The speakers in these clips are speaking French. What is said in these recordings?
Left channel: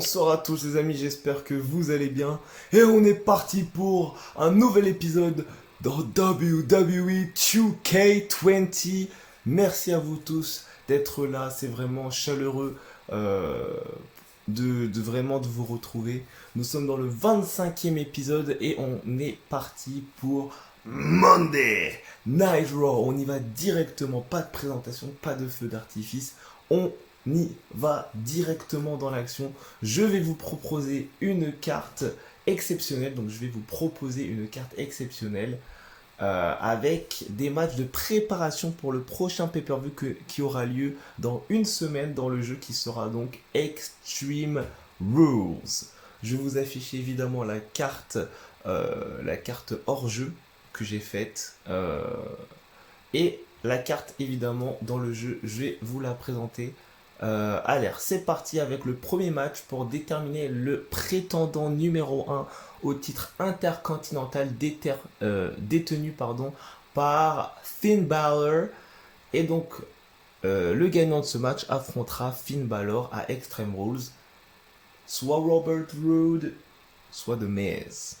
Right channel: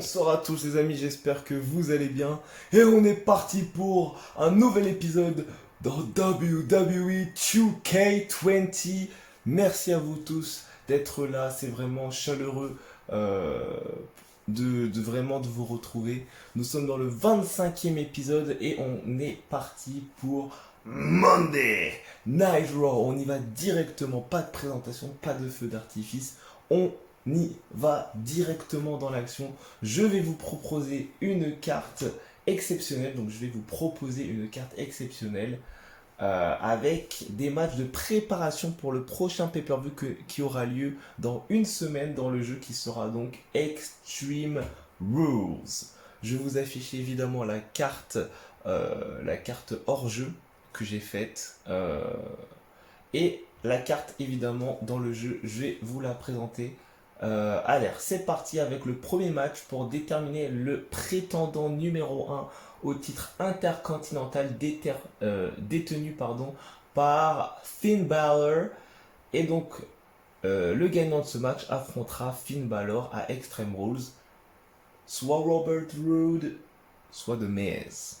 Bonsoir à tous les amis, j'espère que vous allez bien. Et on est parti pour un nouvel épisode dans WWE 2K20. Merci à vous tous d'être là, c'est vraiment chaleureux de vous retrouver. Nous sommes dans le 25e épisode et on est parti pour Monday Night Raw. On y va directement, pas de présentation, pas de feu d'artifice. On y va directement dans l'action. Je vais vous proposer une carte exceptionnelle. Donc je vais vous proposer une carte exceptionnelle avec des matchs de préparation pour le prochain pay-per-view qui aura lieu dans une semaine dans le jeu qui sera donc Extreme Rules. Je vous affiche évidemment la carte hors jeu que j'ai faite et la carte évidemment dans le jeu. Je vais vous la présenter. Allez, c'est parti avec le premier match pour déterminer le prétendant numéro 1 au titre intercontinental détenu par Finn Balor. Et donc, le gagnant de ce match affrontera Finn Balor à Extreme Rules. Soit Robert Roode, soit The Miz.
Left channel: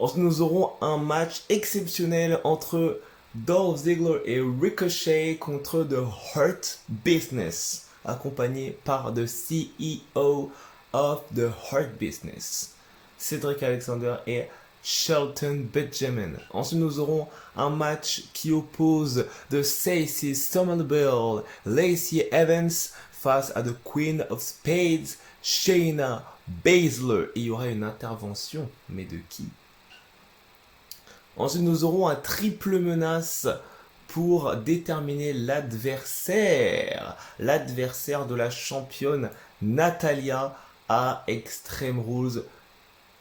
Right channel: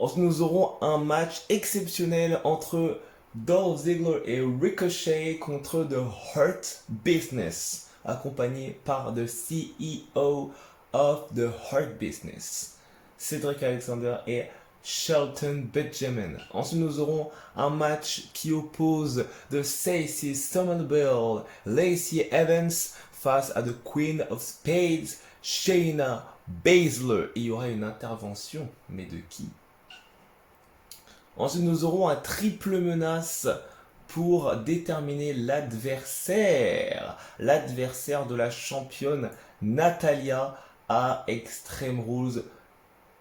Ensuite, nous aurons un match exceptionnel entre Dolph Ziggler et Ricochet contre The Hurt Business, accompagné par the CEO of The Hurt Business, Cedric Alexander et Shelton Benjamin. Ensuite, nous aurons un match qui oppose The Stacey Stumble Bill, Lacey Evans face à The Queen of Spades, Shayna Baszler. Et il y aura une intervention, mais de qui? Ensuite, nous aurons un triple menace pour déterminer l'adversaire de la championne Natalya à Extreme Rules.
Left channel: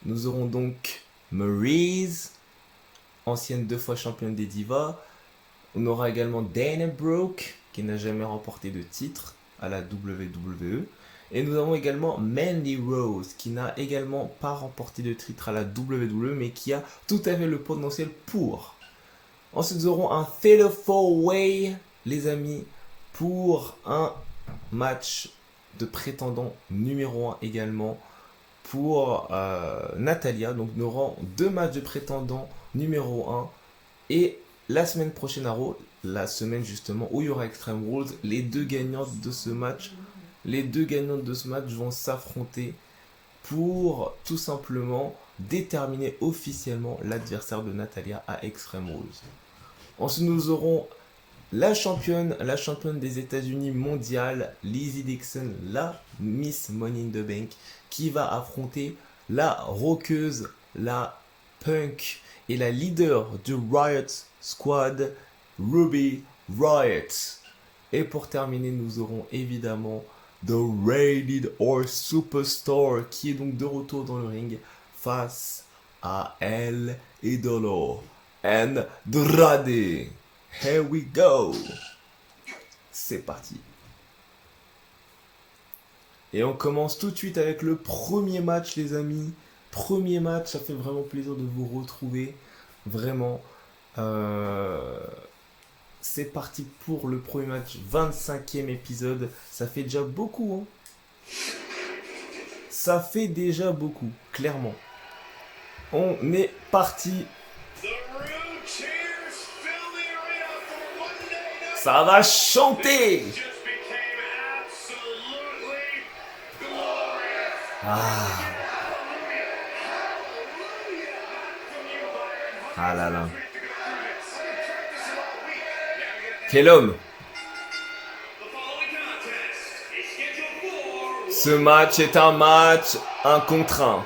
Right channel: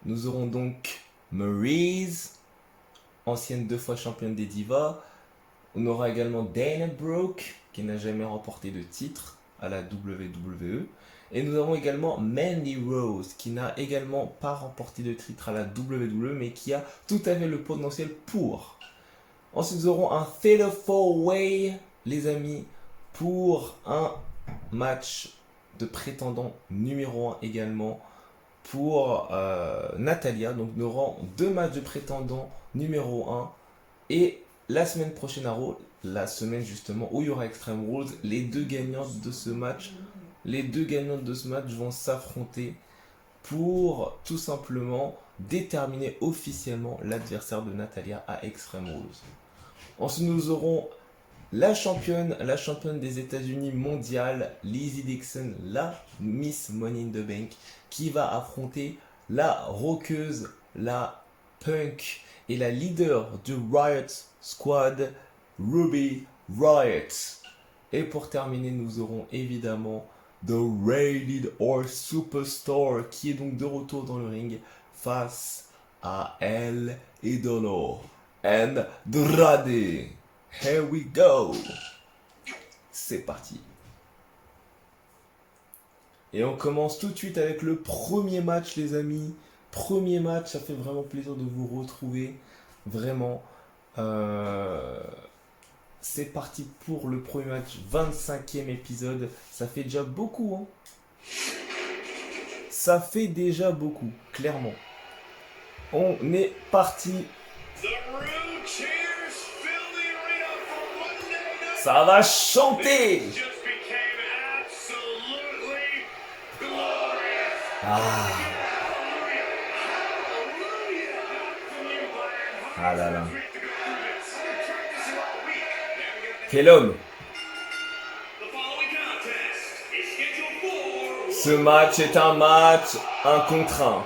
Nous aurons donc Maryse, ancienne 2 fois championne des Divas. On aura également Dana Brooke, qui n'a jamais remporté de titre à la WWE. Et nous avons également Mandy Rose, qui n'a également pas remporté de titre à la WWE, mais qui a tout à fait le potentiel pour. Ensuite, nous aurons un Fatal 4-Way, les amis, pour un match de prétendant numéro 1 également pour Natalya. Donc, nous aurons 2 matchs de prétendant numéro 1. Et la semaine prochaine à Raw, la semaine justement où il y aura Extreme Rules, les deux gagnantes de ce match vont s'affronter pour tout simplement déterminer officiellement l'adversaire de Natalya à Extreme Rules. Ensuite, nous aurons la championne des États-Unis mondiale, Lizzie Dixon, la Miss Money in the Bank, qui va affronter la rockeuse, la punk et la leader du Riot Squad, Ruby Riott. Et pour terminer, nous aurons évidemment The Rated or Superstar, qui est donc de retour dans le ring face à El Idolo Andrade. Here we go. C'est parti. Et on commence tout de suite avec le premier match, les amis. Premier match, ça fait vraiment plaisir de vous retrouver. Vraiment. C'est parti pour le premier match, 25e épisode. Ça fait déjà beaucoup, hein. Ça fait déjà beaucoup, clairement. On est parti. Ça va chanter. Ah là là. Quel homme! Ce match est un match 1 contre 1.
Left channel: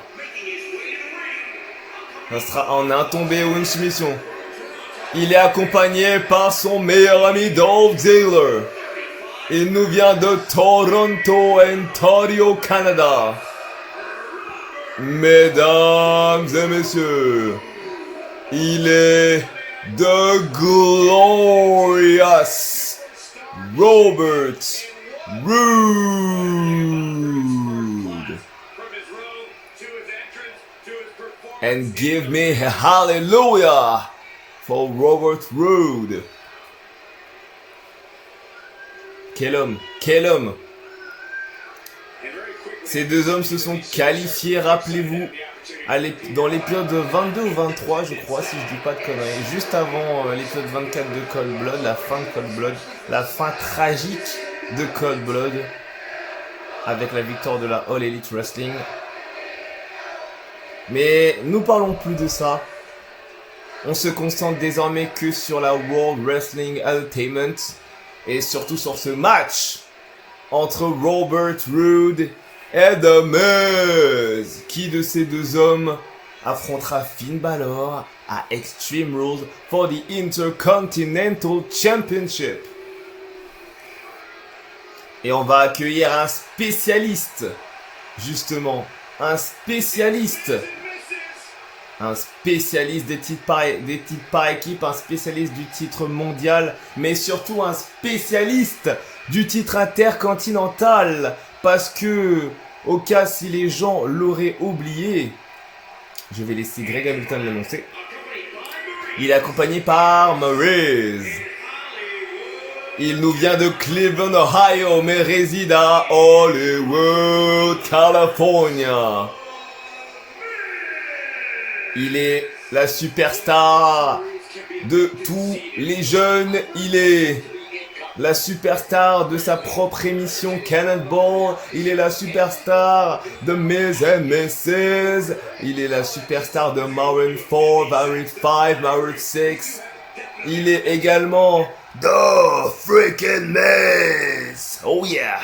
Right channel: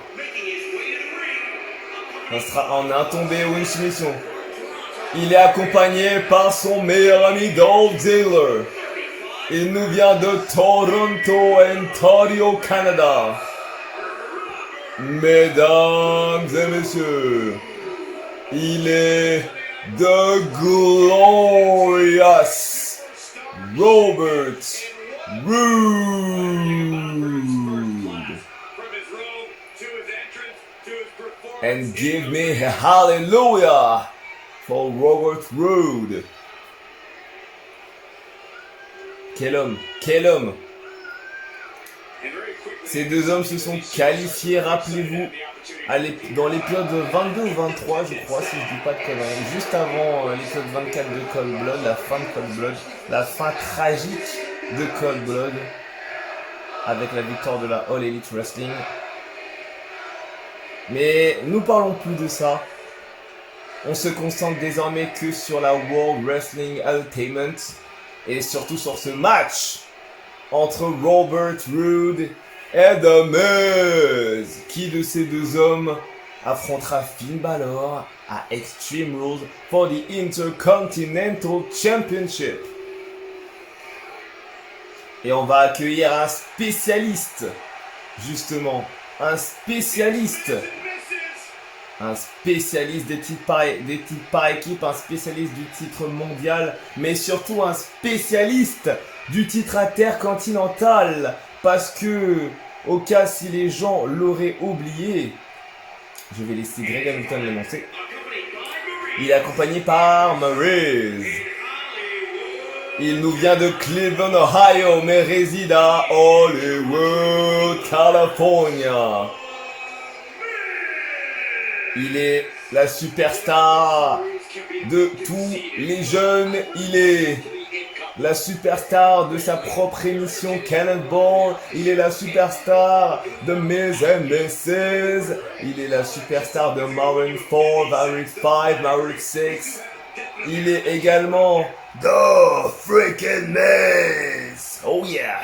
Ça sera en un tombé ou une soumission. Il est accompagné par son meilleur ami Dolph Ziggler. Il nous vient de Toronto, Ontario, Canada. Mesdames et messieurs, il est The Glorious Robert Roode. And give me a hallelujah for Robert Roode. Quel homme, quel homme. Ces deux hommes se sont qualifiés, rappelez-vous, dans l'épisode 22 ou 23, je crois, si je dis pas de conneries, juste avant l'épisode 24 de Cold Blood, la fin de Cold Blood, la fin tragique de Cold Blood, avec la victoire de la All Elite Wrestling. Mais nous parlons plus de ça. On se concentre désormais que sur la World Wrestling Entertainment et surtout sur ce match entre Robert Roode et The Miz. Qui de ces deux hommes affrontera Finn Balor à Extreme Rules for the Intercontinental Championship? Et on va accueillir un spécialiste, justement, un spécialiste des titres par équipe, un spécialiste du titre mondial, mais surtout un spécialiste du titre intercontinental, parce que, au cas si les gens l'auraient oublié, je vais laisser Greg Hamilton l'annoncer, il est accompagné par Maryse. Il nous vient de Cleveland, Ohio, mais réside à Hollywood, California. Il est la superstar de tous les jeunes. Il est la superstar de sa propre émission Cannonball. Il est la superstar de Miz and Mrs. Il est la superstar de Maroon 4, Maroon 5, Maroon 6. Il est également The Freaking Miz. Oh yeah.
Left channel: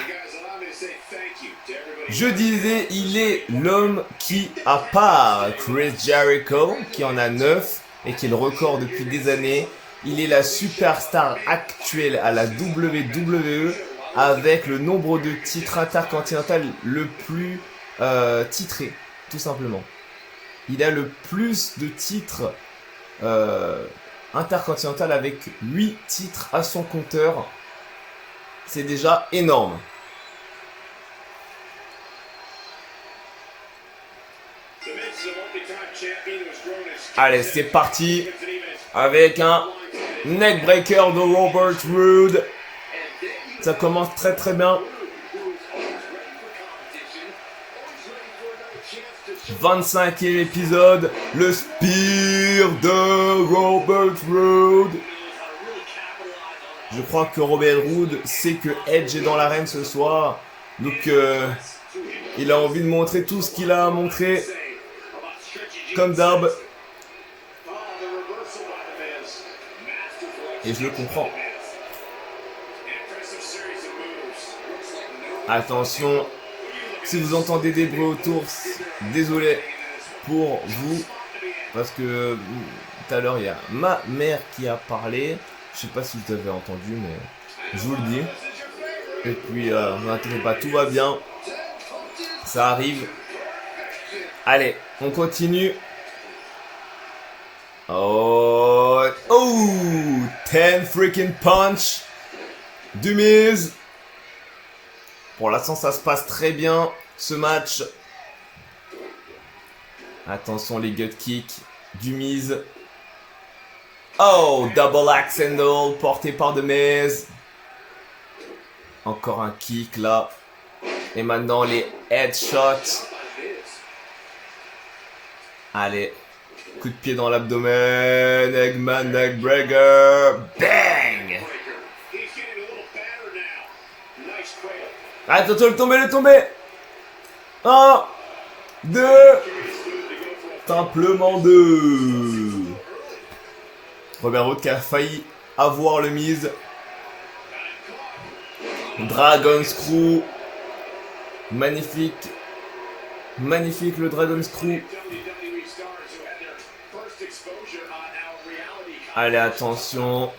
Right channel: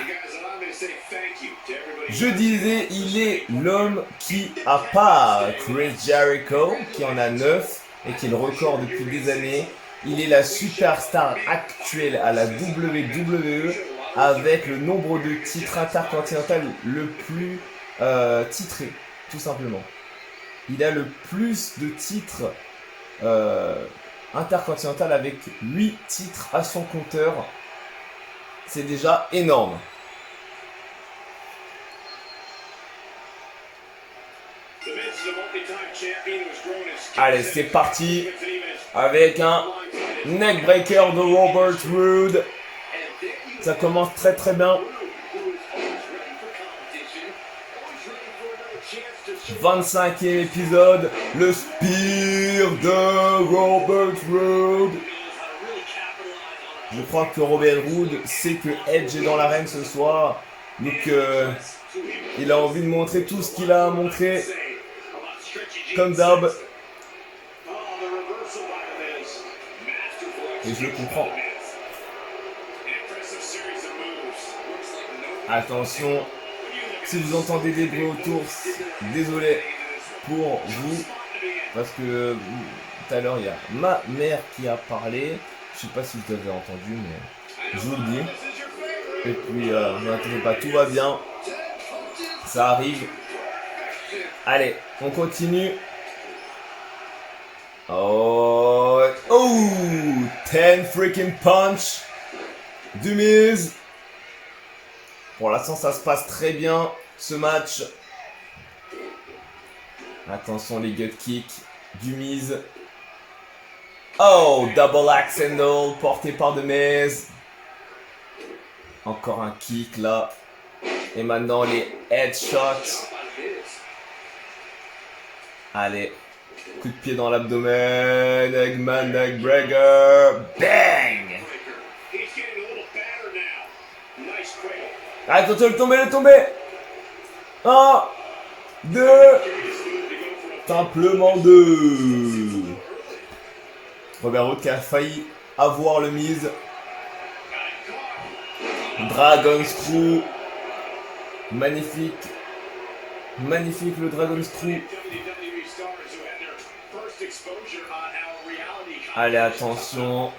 Je disais, il est l'homme qui, à part Chris Jericho, qui en a 9 et qui est le record depuis des années, il est la superstar actuelle à la WWE avec le nombre de titres intercontinental le plus titré, tout simplement. Il a le plus de titres intercontinental avec 8 titres à son compteur. C'est déjà énorme. Allez, c'est parti avec un neckbreaker de Robert Roode. Ça commence très très bien. 25e épisode, le spear de Robert Roode. Je crois que Robert Roode sait que Edge est dans l'arène ce soir. Donc il a envie de montrer tout ce qu'il a à montrer. Comme d'hab. Et je le comprends. Attention. Si vous entendez des bruits autour, désolé pour vous. Parce que tout à l'heure, il y a ma mère qui a parlé. Je sais pas si vous avez entendu, mais je vous le dis. Et puis, n'inquiétez pas, tout va bien. Ça arrive. Allez, on continue. Oh, 10 freaking punch du Miz. Pour l'instant, ça se passe très bien, ce match. Attention, les gut kicks du Miz. Oh, double axe handle porté par The Miz. Encore un kick là. Et maintenant, les headshots. Allez. Coup de pied dans l'abdomen. Eggman, neckbreaker. Bang! Attention, le tomber. 1, 2. Simplement 2. Robert Roode qui a failli avoir le Miz. Dragon Screw. Magnifique. Magnifique le Dragon Screw. Allez, attention.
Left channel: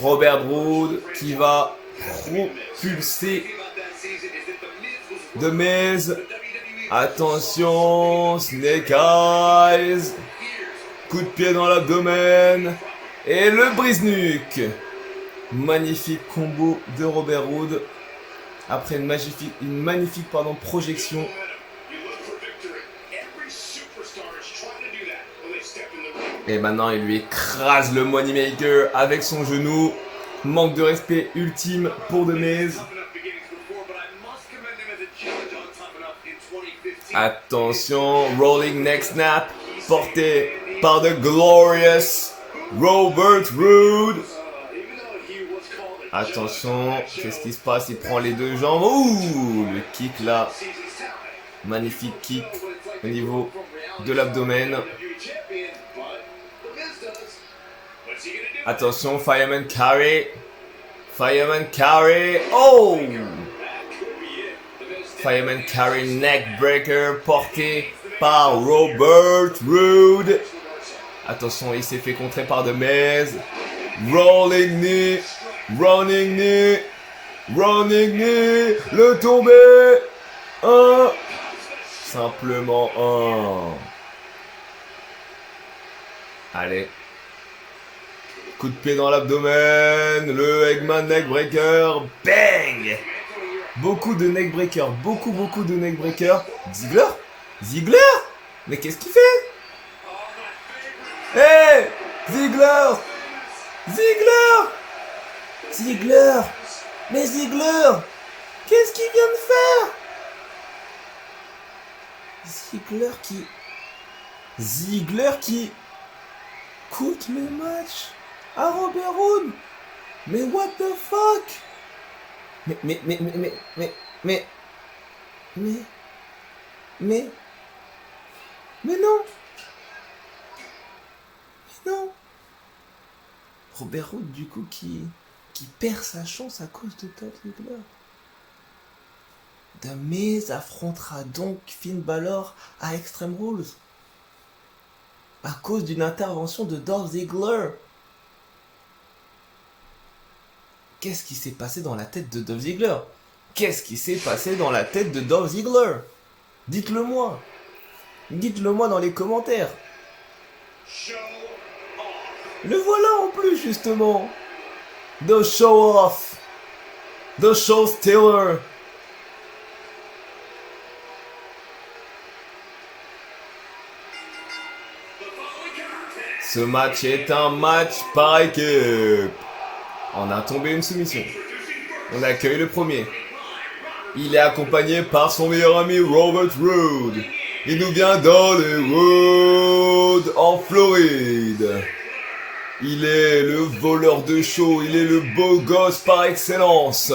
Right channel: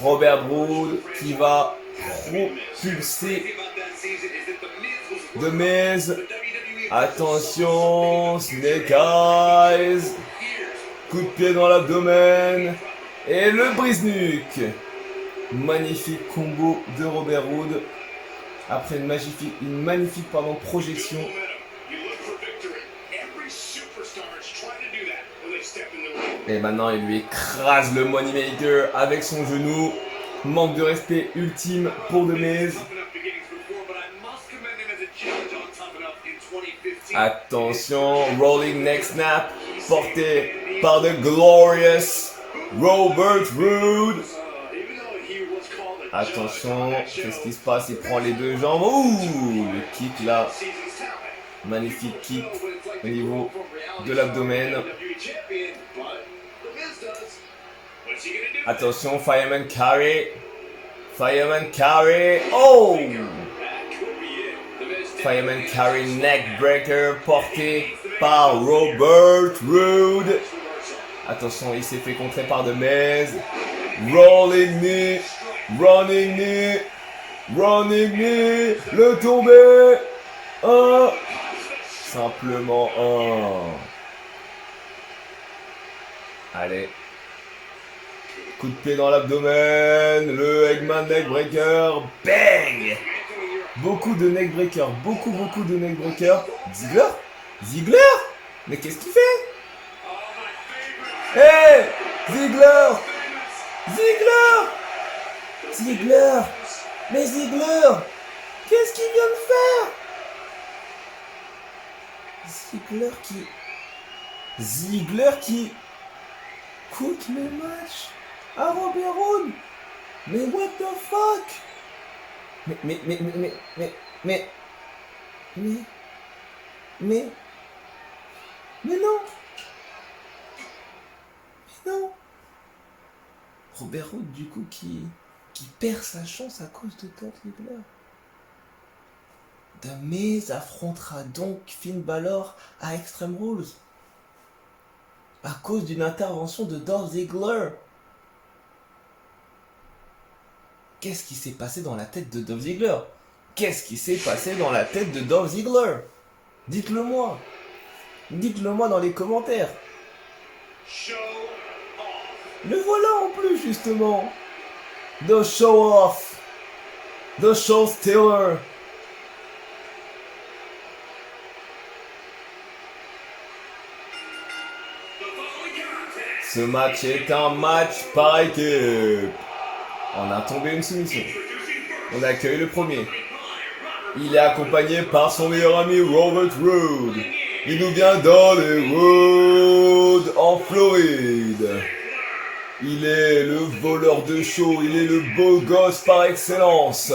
Robert Roode qui va propulser The Miz. Attention. Snake Eyes. Coup de pied dans l'abdomen. Et le brise-nuque. Magnifique combo de Robert Roode. Après une magnifique projection. Et maintenant, il lui écrase le Moneymaker avec son genou. Manque de respect ultime pour The Miz. Attention, rolling neck snap, porté par The Glorious Robert Roode. Attention, qu'est-ce qui se passe? Il prend les deux jambes. Ouh, le kick là. Magnifique kick au niveau de l'abdomen. Attention, Fireman carry. Fireman carry. Oh! Fireman carry neck breaker porté par Robert Roode. Attention, il s'est fait contrer par The Miz. Rolling knee. Running knee. Running knee. Le tombé. Un. Simplement un. Allez. Coup de pied dans l'abdomen. Le Eggman neckbreaker. Bang! Beaucoup de neckbreaker. Beaucoup de neckbreaker. Ziggler? Ziggler? Mais qu'est-ce qu'il fait? Hey! Ziggler! Ziggler! Ziggler! Mais Ziggler! Qu'est-ce qu'il vient de faire? Ziggler qui coûte le match à Robert Roode. Mais what the fuck? Mais non. Robert Roode du coup qui perd sa chance à cause de Dolph Ziggler. The Miz affrontera donc Finn Balor à Extreme Rules à cause d'une intervention de Dolph Ziggler. Qu'est-ce qui s'est passé dans la tête de Dolph Ziggler? Qu'est-ce qui s'est passé dans la tête de Dolph Ziggler? Dites-le moi. Dites-le moi dans les commentaires. Le voilà en plus justement. The show off. The show stealer. Ce match est un match par équipe. On a tombé une soumission. On accueille le premier. Il est accompagné par son meilleur ami Robert Roode. Il nous vient d'Hollywood, en Floride. Il est le voleur de show, il est le beau gosse par excellence.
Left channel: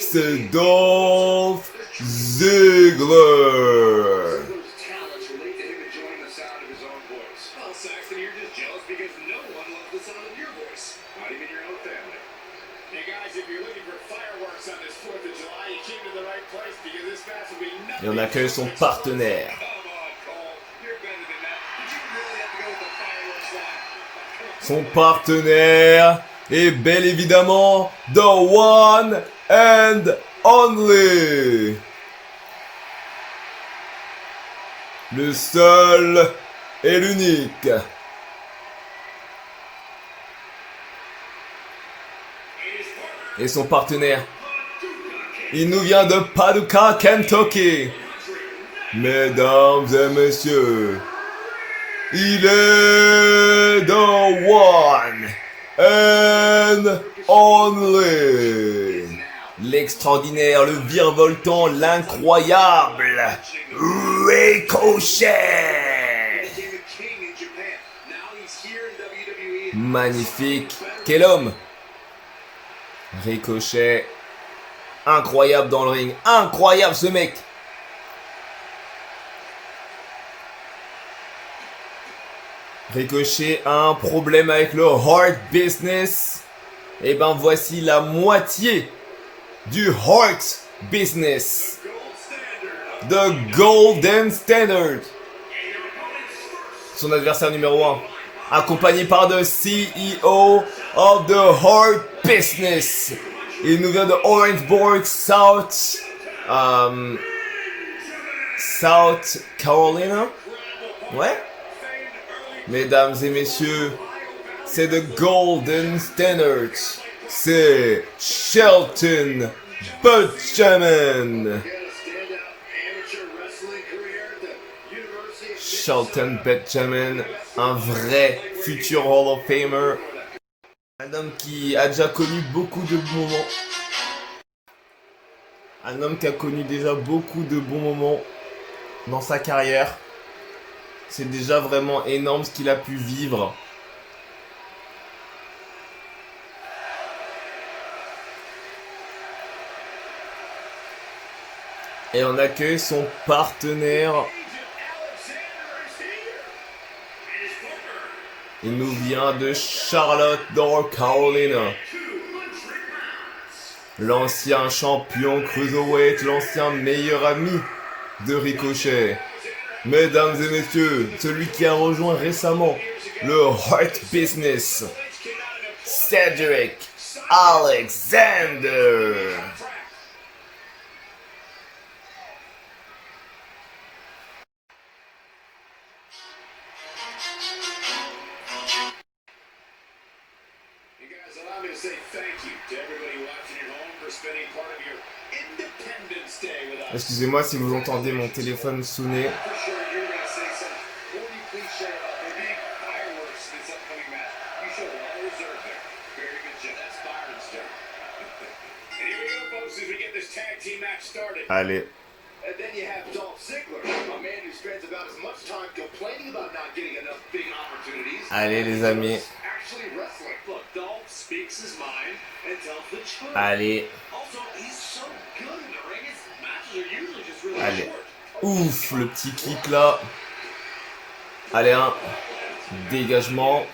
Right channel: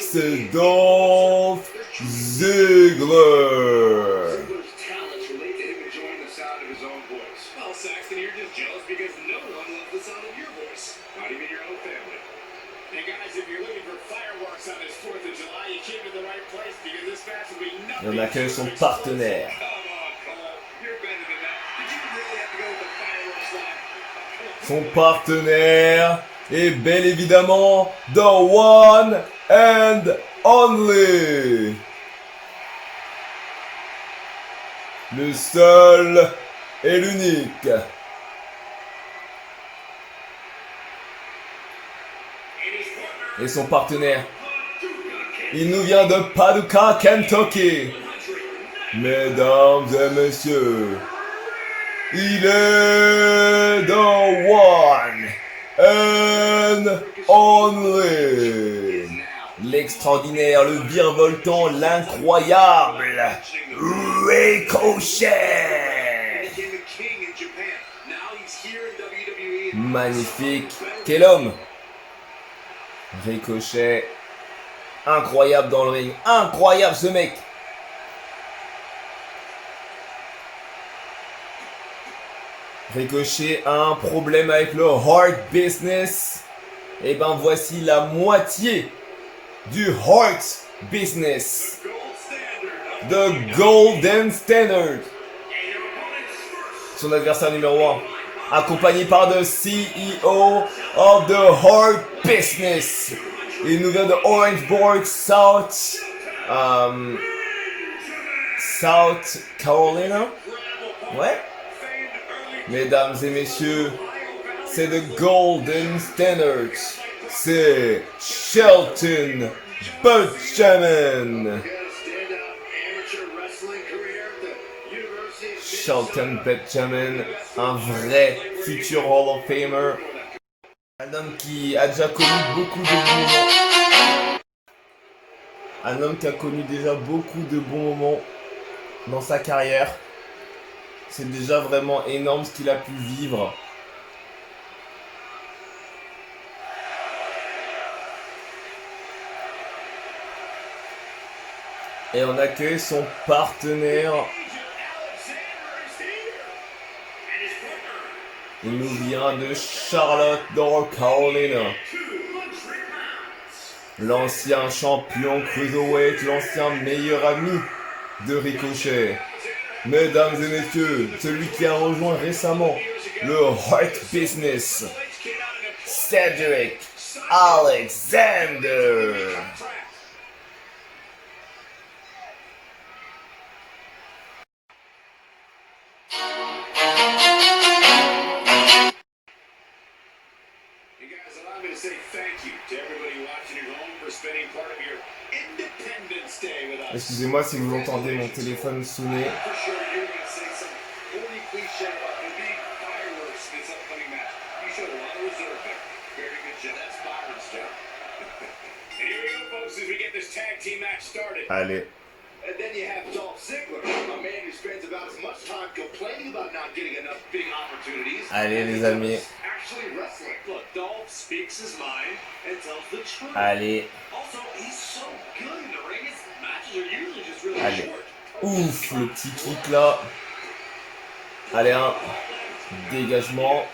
C'est Dolph Ziggler. Et on accueille son partenaire. Son partenaire est bel évidemment the one and only. Le seul et l'unique. Et son partenaire, il nous vient de Paducah, Kentucky. Mesdames et messieurs, il est the one and only. L'extraordinaire, le virevoltant, l'incroyable Ricochet. Magnifique. Quel homme! Ricochet. Incroyable dans le ring. Incroyable ce mec. Ricochet a un problème avec le Hurt Business. Et ben voici la moitié du Hurt Business. The Golden Standard. Son adversaire numéro 1. Accompagné par the CEO of the Hurt Business. Il nous vient de Orangeburg, South Carolina. Ouais. Mesdames et messieurs, c'est The Golden Standard. C'est Shelton Benjamin. Shelton Benjamin, un vrai futur Hall of Famer. Un homme qui a déjà connu beaucoup de bons moments. Un homme qui a connu déjà beaucoup de bons moments. dans sa carrière. C'est déjà vraiment énorme ce qu'il a pu vivre. Et on accueille son partenaire. Il nous vient de Charlotte, North Carolina. L'ancien champion Cruiserweight, l'ancien meilleur ami de Ricochet. Mesdames et messieurs, celui qui a rejoint récemment le Hurt Business, Cedric Alexander. Excusez-moi si vous entendez mon téléphone sonner. Allez. And then you have Dolph Ziggler, a man who spends about as much time complaining about not getting enough big opportunities. Allez les amis. Actually wrestling. Look, Dolph speaks his mind and tells the truth. Allez. Also, he's so good in the ring. His matches are usually just really Allez. short. Ouf, le petit kick là. Allez, un dégagement.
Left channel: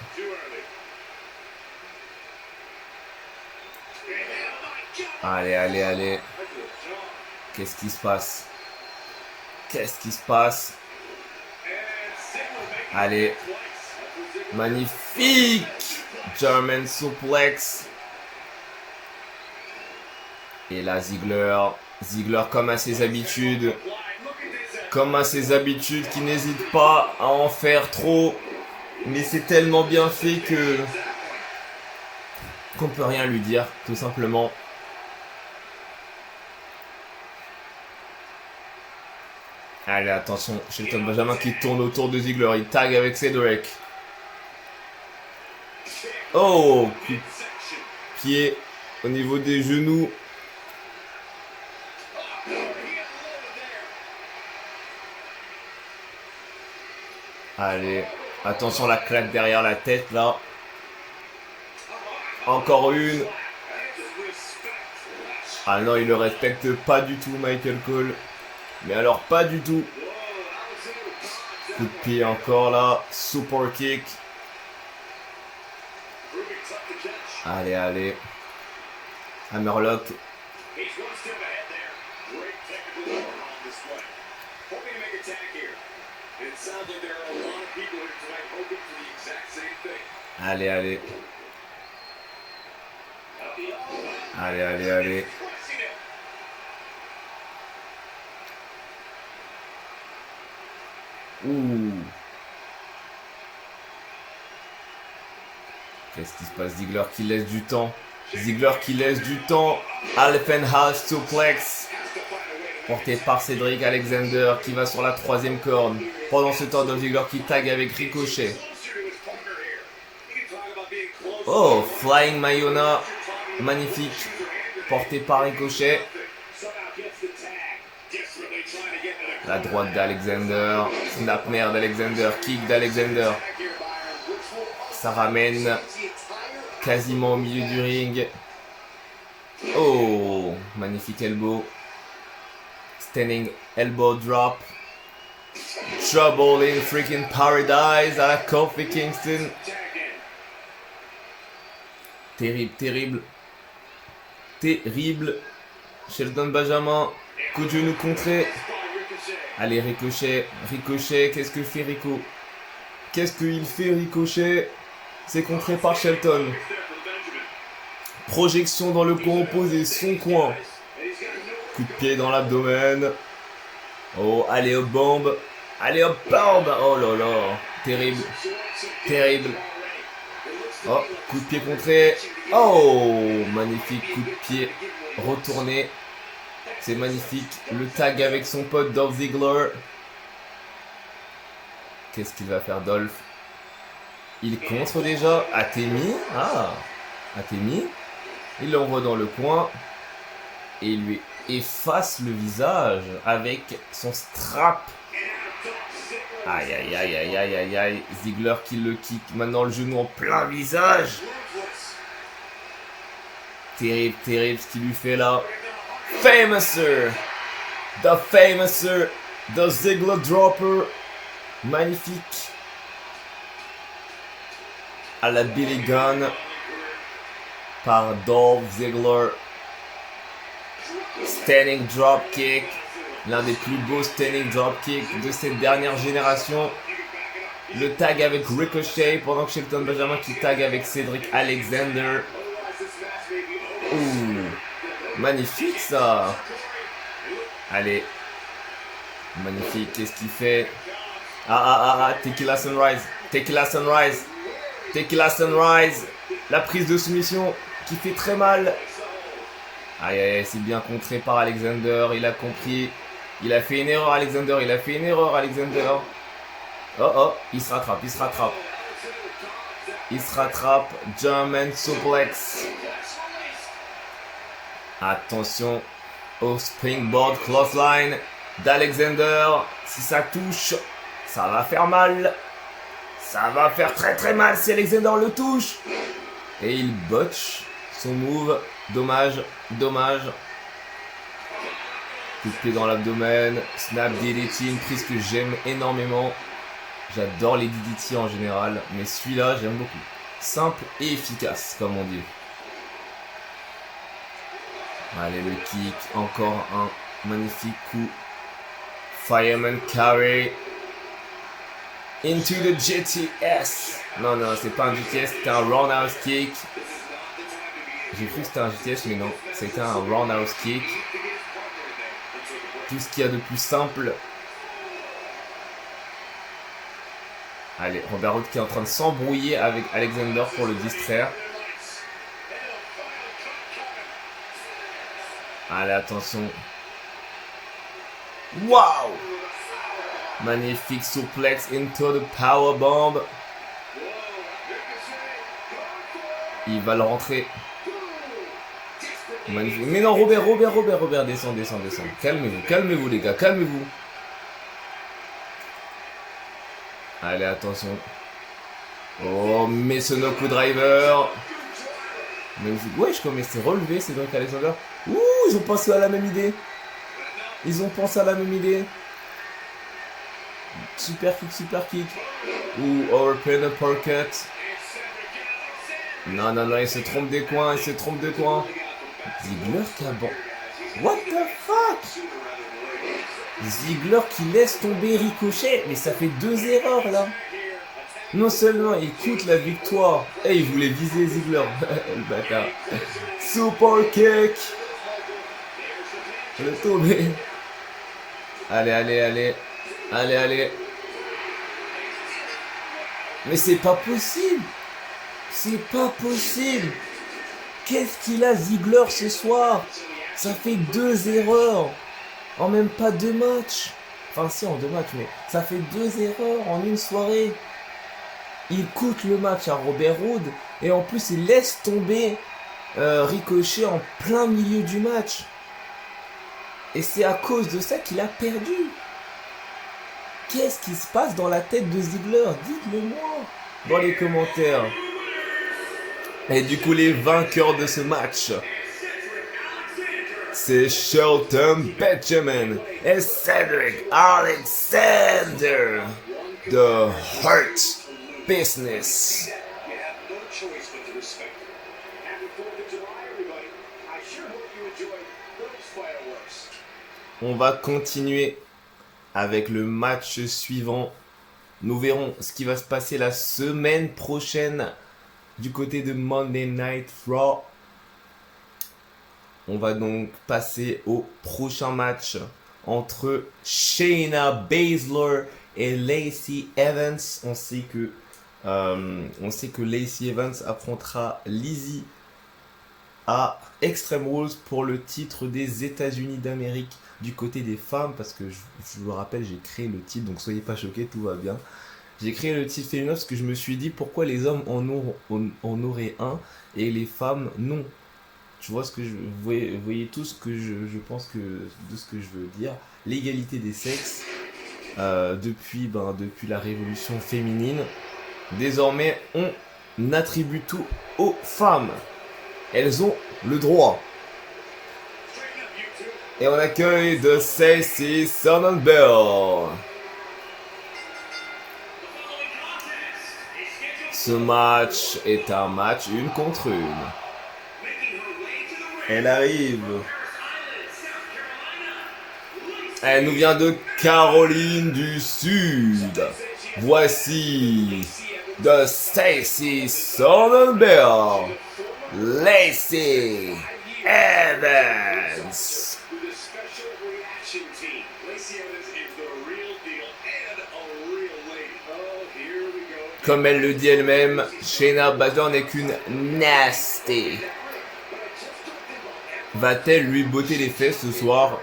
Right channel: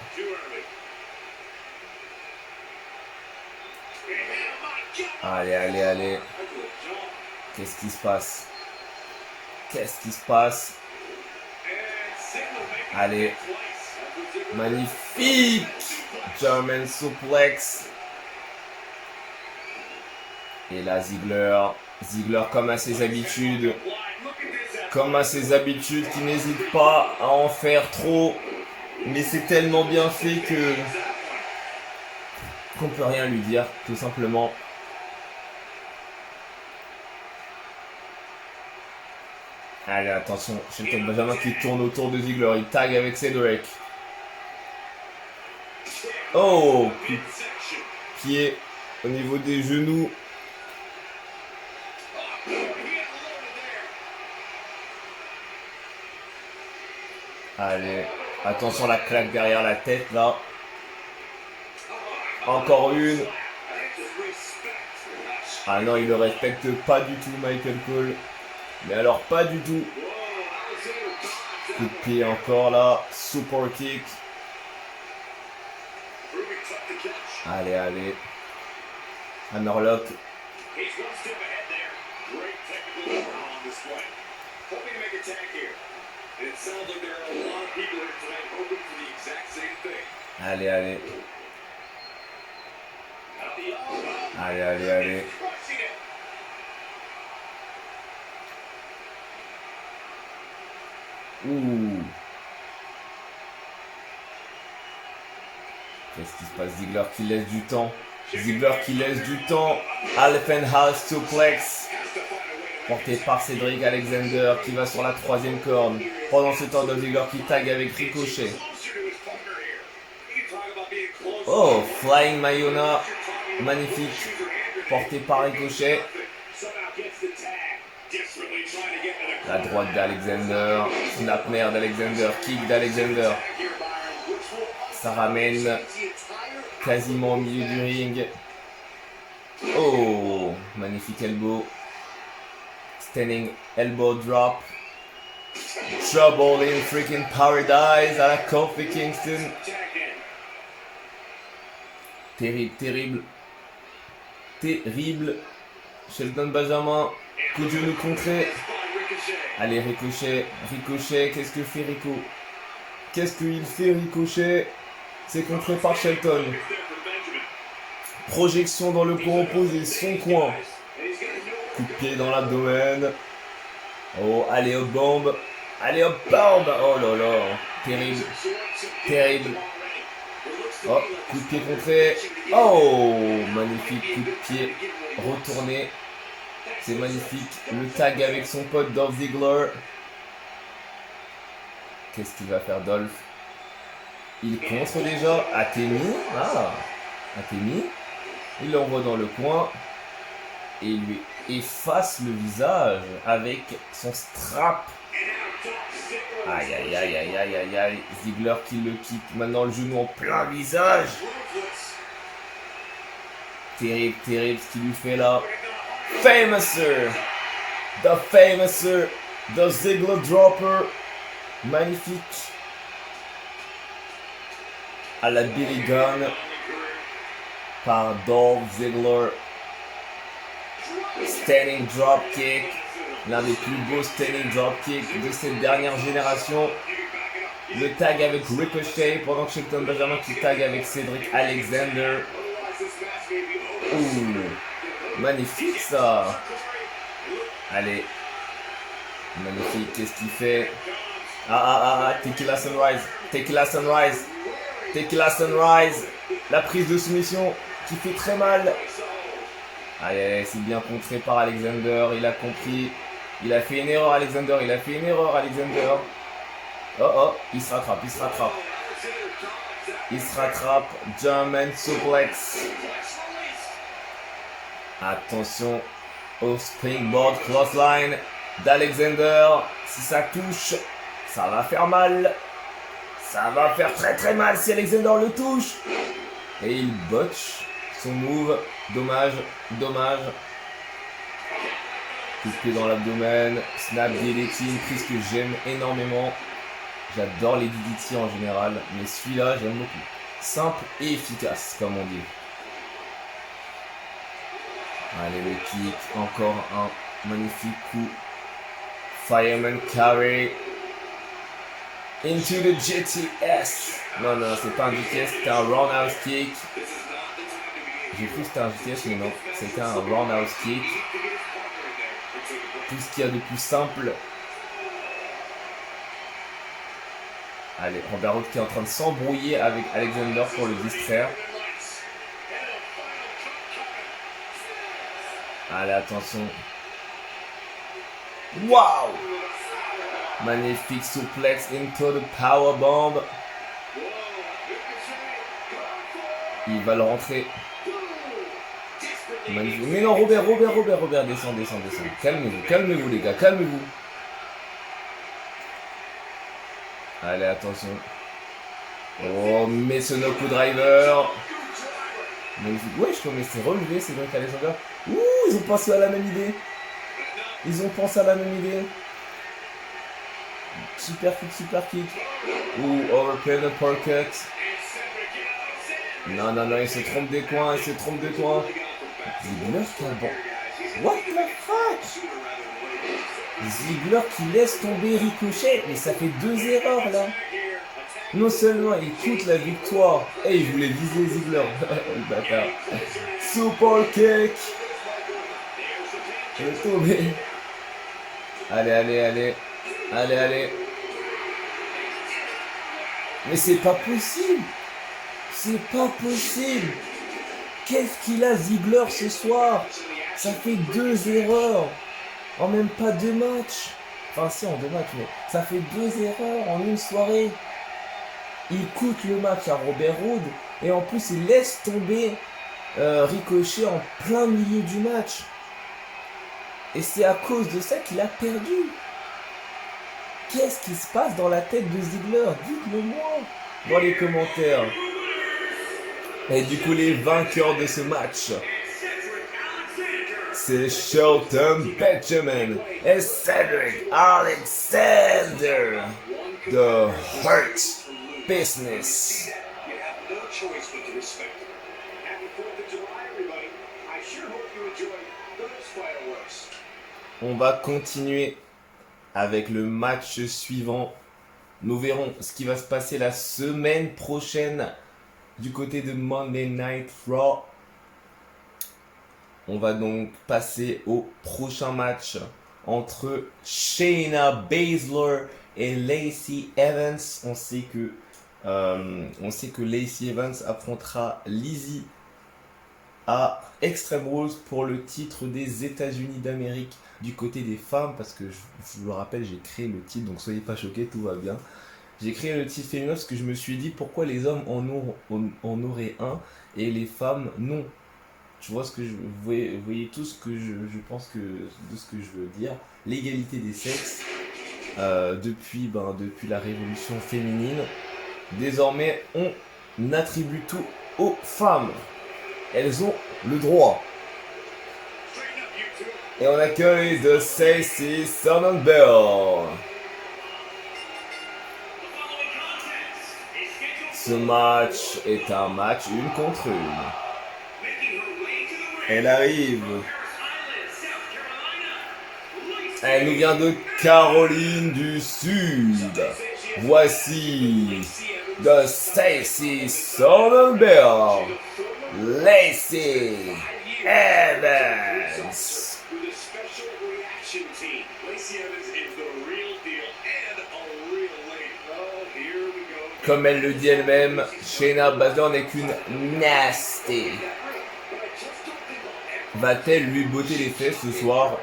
Allez, allez, allez. Qu'est-ce qui se passe? Qu'est-ce qui se passe? Allez. Magnifique. German suplex. Et là, Ziggler. Ziggler comme à ses habitudes. Comme à ses habitudes, qui n'hésite pas à en faire trop. Mais c'est tellement bien fait que qu'on peut rien lui dire, tout simplement. Allez, attention, Shelton Benjamin qui tourne autour de Ziggler, il tag avec Cedric. Oh, pied au niveau des genoux. Allez, attention la claque derrière la tête là. Encore une. Ah non, il ne respecte pas du tout Michael Cole. Mais alors pas du tout. Coup de pied encore là. Super kick. Allez, allez. Hammerlock. Allez, allez. Allez, allez, allez. Ouh. Qu'est-ce qui se passe? Ziggler qui laisse du temps. Ziggler qui laisse du temps. Alpenhouse suplex. Porté par Cedric Alexander qui va sur la troisième corde. Pendant ce temps, Ziggler qui tag avec Ricochet. Oh, Flying Mayona. Magnifique. Porté par Ricochet. La droite d'Alexander. Snapmare d'Alexander. Kick d'Alexander. Ça ramène quasiment au milieu du ring. Oh, magnifique elbow. Standing elbow drop. Trouble in freaking paradise à la Kofi Kingston. Terrible, terrible. Terrible. Shelton Benjamin. Coup de genou contré. Allez, Ricochet. Ricochet, qu'est-ce que fait Rico? Qu'est-ce qu'il fait Ricochet? C'est contré par Shelton. Projection dans le coin opposé, son coin. Coup de pied dans l'abdomen. Oh, allez hop bombe. Allez hop bombe. Oh là là. Terrible. Terrible. Oh, coup de pied contré. Oh, magnifique coup de pied retourné. C'est magnifique. Le tag avec son pote Dolph Ziggler. Qu'est-ce qu'il va faire Dolph? Il contre déjà. Atemi. Ah, Atemi. Il l'envoie dans le coin. Et il lui efface le visage avec son strap. Aïe, aïe, aïe, aïe, aïe, aïe, aïe. Ziggler qui le kick. Maintenant le genou en plein visage. Terrible, terrible ce qu'il lui fait là. Famouser. The Famouser. The Ziggler Dropper. Magnifique. À la Billy Gunn. Par Dolph Ziggler. Standing Dropkick. L'un des plus beaux standing dropkicks de cette dernière génération. Le tag avec Ricochet pendant que Shelton Benjamin qui tag avec Cedric Alexander. Ouh, magnifique ça. Allez. Magnifique, qu'est-ce qu'il fait? Tequila Sunrise. Tequila Sunrise. Tequila Sunrise. La prise de soumission qui fait très mal. Aïe aïe, c'est bien contré par Alexander, il a compris. Il a fait une erreur Alexander, il a fait une erreur Alexander. Oh oh, il se rattrape, il se rattrape. Il se rattrape, German suplex. Attention au springboard clothesline d'Alexander. Si ça touche, ça va faire mal. Ça va faire très très mal si Alexander le touche. Et il botche son move. Dommage, dommage. Coup de pied dans l'abdomen. Snap DDT, une prise que j'aime énormément. J'adore les DDT en général, mais celui-là j'aime beaucoup. Simple et efficace, comme on dit. Allez, le kick, encore un magnifique coup. Fireman carry. Into the GTS. Non, non, c'est pas un GTS, c'est un roundhouse kick. J'ai cru que c'était un GTS, mais non, c'était un roundhouse kick. Tout ce qu'il y a de plus simple. Allez, Robert Roode qui est en train de s'embrouiller avec Alexander pour le distraire. Allez, attention. Waouh! Magnifique suplex into the powerbomb. Il va le rentrer. Magnifique. Mais non, Robert, descend. Calmez-vous les gars, calmez-vous. Allez, attention. Oh, mais ce no-coup driver. Ouais, je commence à relever, c'est donc Alexander. Ouh, ils ont pensé à la même idée. Super kick. Ouh, overpin uppercut. Non, il se trompe des coins, Ziggler qui a bon. What the fuck? Ziggler qui laisse tomber Ricochet, mais ça fait 2 erreurs là. Non seulement il quitte la victoire, et il voulait viser Ziggler. Le bâtard. Super kick. Il est tombé. Allez. Mais c'est pas possible. Qu'est-ce qu'il a Ziggler ce soir? Ça fait 2 erreurs. En même pas 2 matchs. Enfin si, en 2 matchs, mais ça fait 2 erreurs en une soirée. Il coûte le match à Robert Roode. Et en plus, il laisse tomber Ricochet en plein milieu du match. Et c'est à cause de ça qu'il a perdu. Qu'est-ce qui se passe dans la tête de Ziggler? Dites-le-moi dans les commentaires. Et du coup, les vainqueurs de ce match, c'est Shelton Benjamin et Cedric Alexander. The Hurt Business. On va continuer avec le match suivant. Nous verrons ce qui va se passer la semaine prochaine du côté de Monday Night Raw. On va donc passer au prochain match entre Shayna Baszler et Lacey Evans. On sait que Lacey Evans affrontera Lizzie à Extreme Rules pour le titre des États-Unis d'Amérique du côté des femmes, parce que je vous le rappelle, j'ai créé le titre, donc soyez pas choqués, tout va bien. J'ai créé le titre féminin parce que je me suis dit pourquoi les hommes en auraient un et les femmes non. Tu vois vous voyez tout ce que je pense de ce que je veux dire. L'égalité des sexes. depuis la révolution féminine. Désormais, on attribue tout aux femmes. Elles ont le droit. Et on accueille de Stacey Sonnenberg. Ce match est un match 1 contre 1. Elle arrive. Elle nous vient de Caroline du Sud. Voici de Stacey Sonnenberg, Lacey Evans. Comme elle le dit elle-même, Shayna Baszler n'est qu'une nasty. Va-t-elle lui botter les fesses ce soir?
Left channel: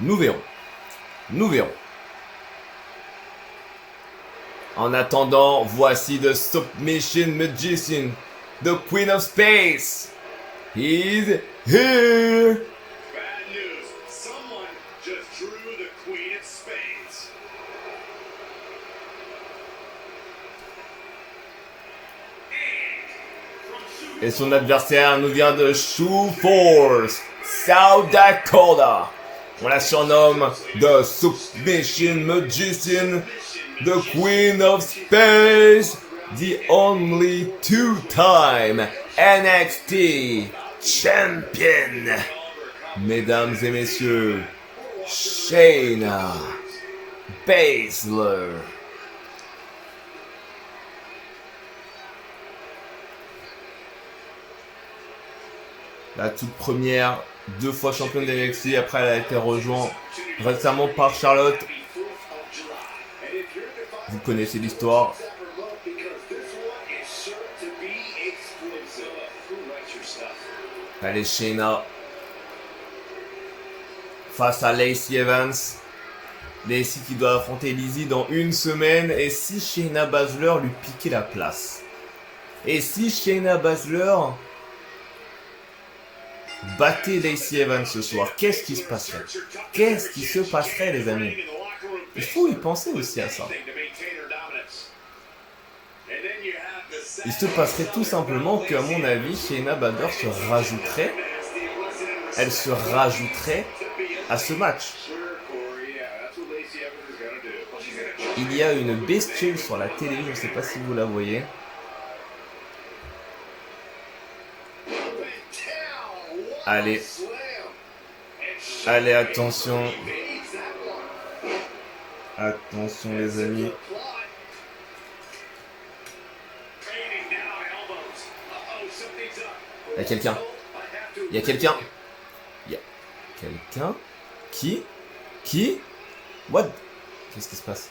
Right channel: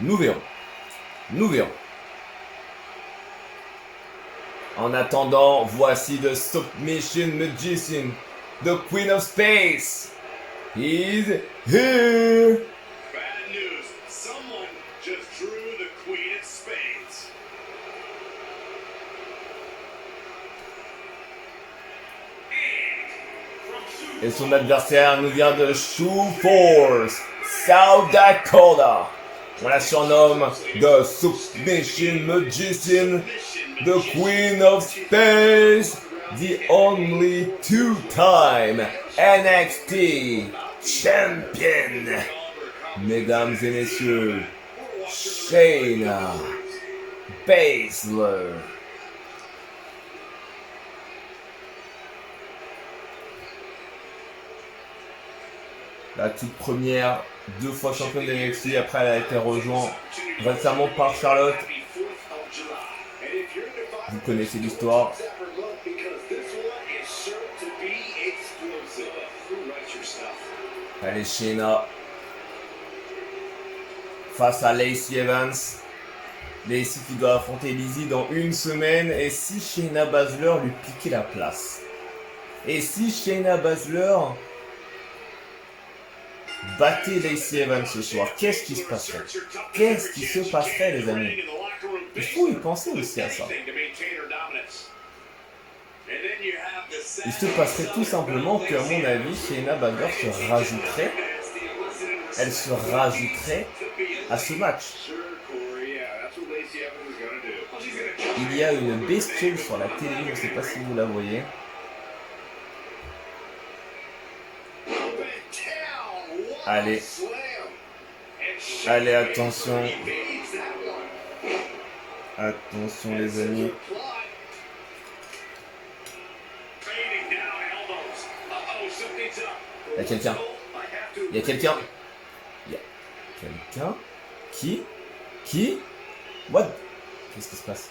Nous verrons. Nous verrons. En attendant, voici The Submission Magician, the Queen of Space. He's here. Bad news. Someone just drew the Queen of Spades. Et son adversaire nous vient de Sioux Falls, South Dakota. On la surnomme The Submission Magician, the Queen of Space, the only two-time NXT Champion. Mesdames et messieurs, Shayna Baszler. La toute première, 2 fois championne de NXT, après elle a été rejointe récemment par Charlotte. Vous connaissez l'histoire. Allez, Shayna face à Lacey Evans. Lacey qui doit affronter Lizzie dans 1 semaine. Et si Shayna Baszler lui piquait la place? Et si Shayna Baszler battait Lacey Evans ce soir, qu'est-ce qui se passerait? Qu'est-ce qui se passerait, les amis? Il faut y penser aussi à ça. Il se passerait tout simplement qu'à mon avis, Shayna Baszler se rajouterait. Elle se rajouterait à ce match. Il y a une bestiole sur la télé, je ne sais pas si vous la voyez. Allez. Allez, attention. Attention les amis. Il y a quelqu'un. Il y a quelqu'un. Il y a quelqu'un. Qui What? Qu'est-ce qui se passe?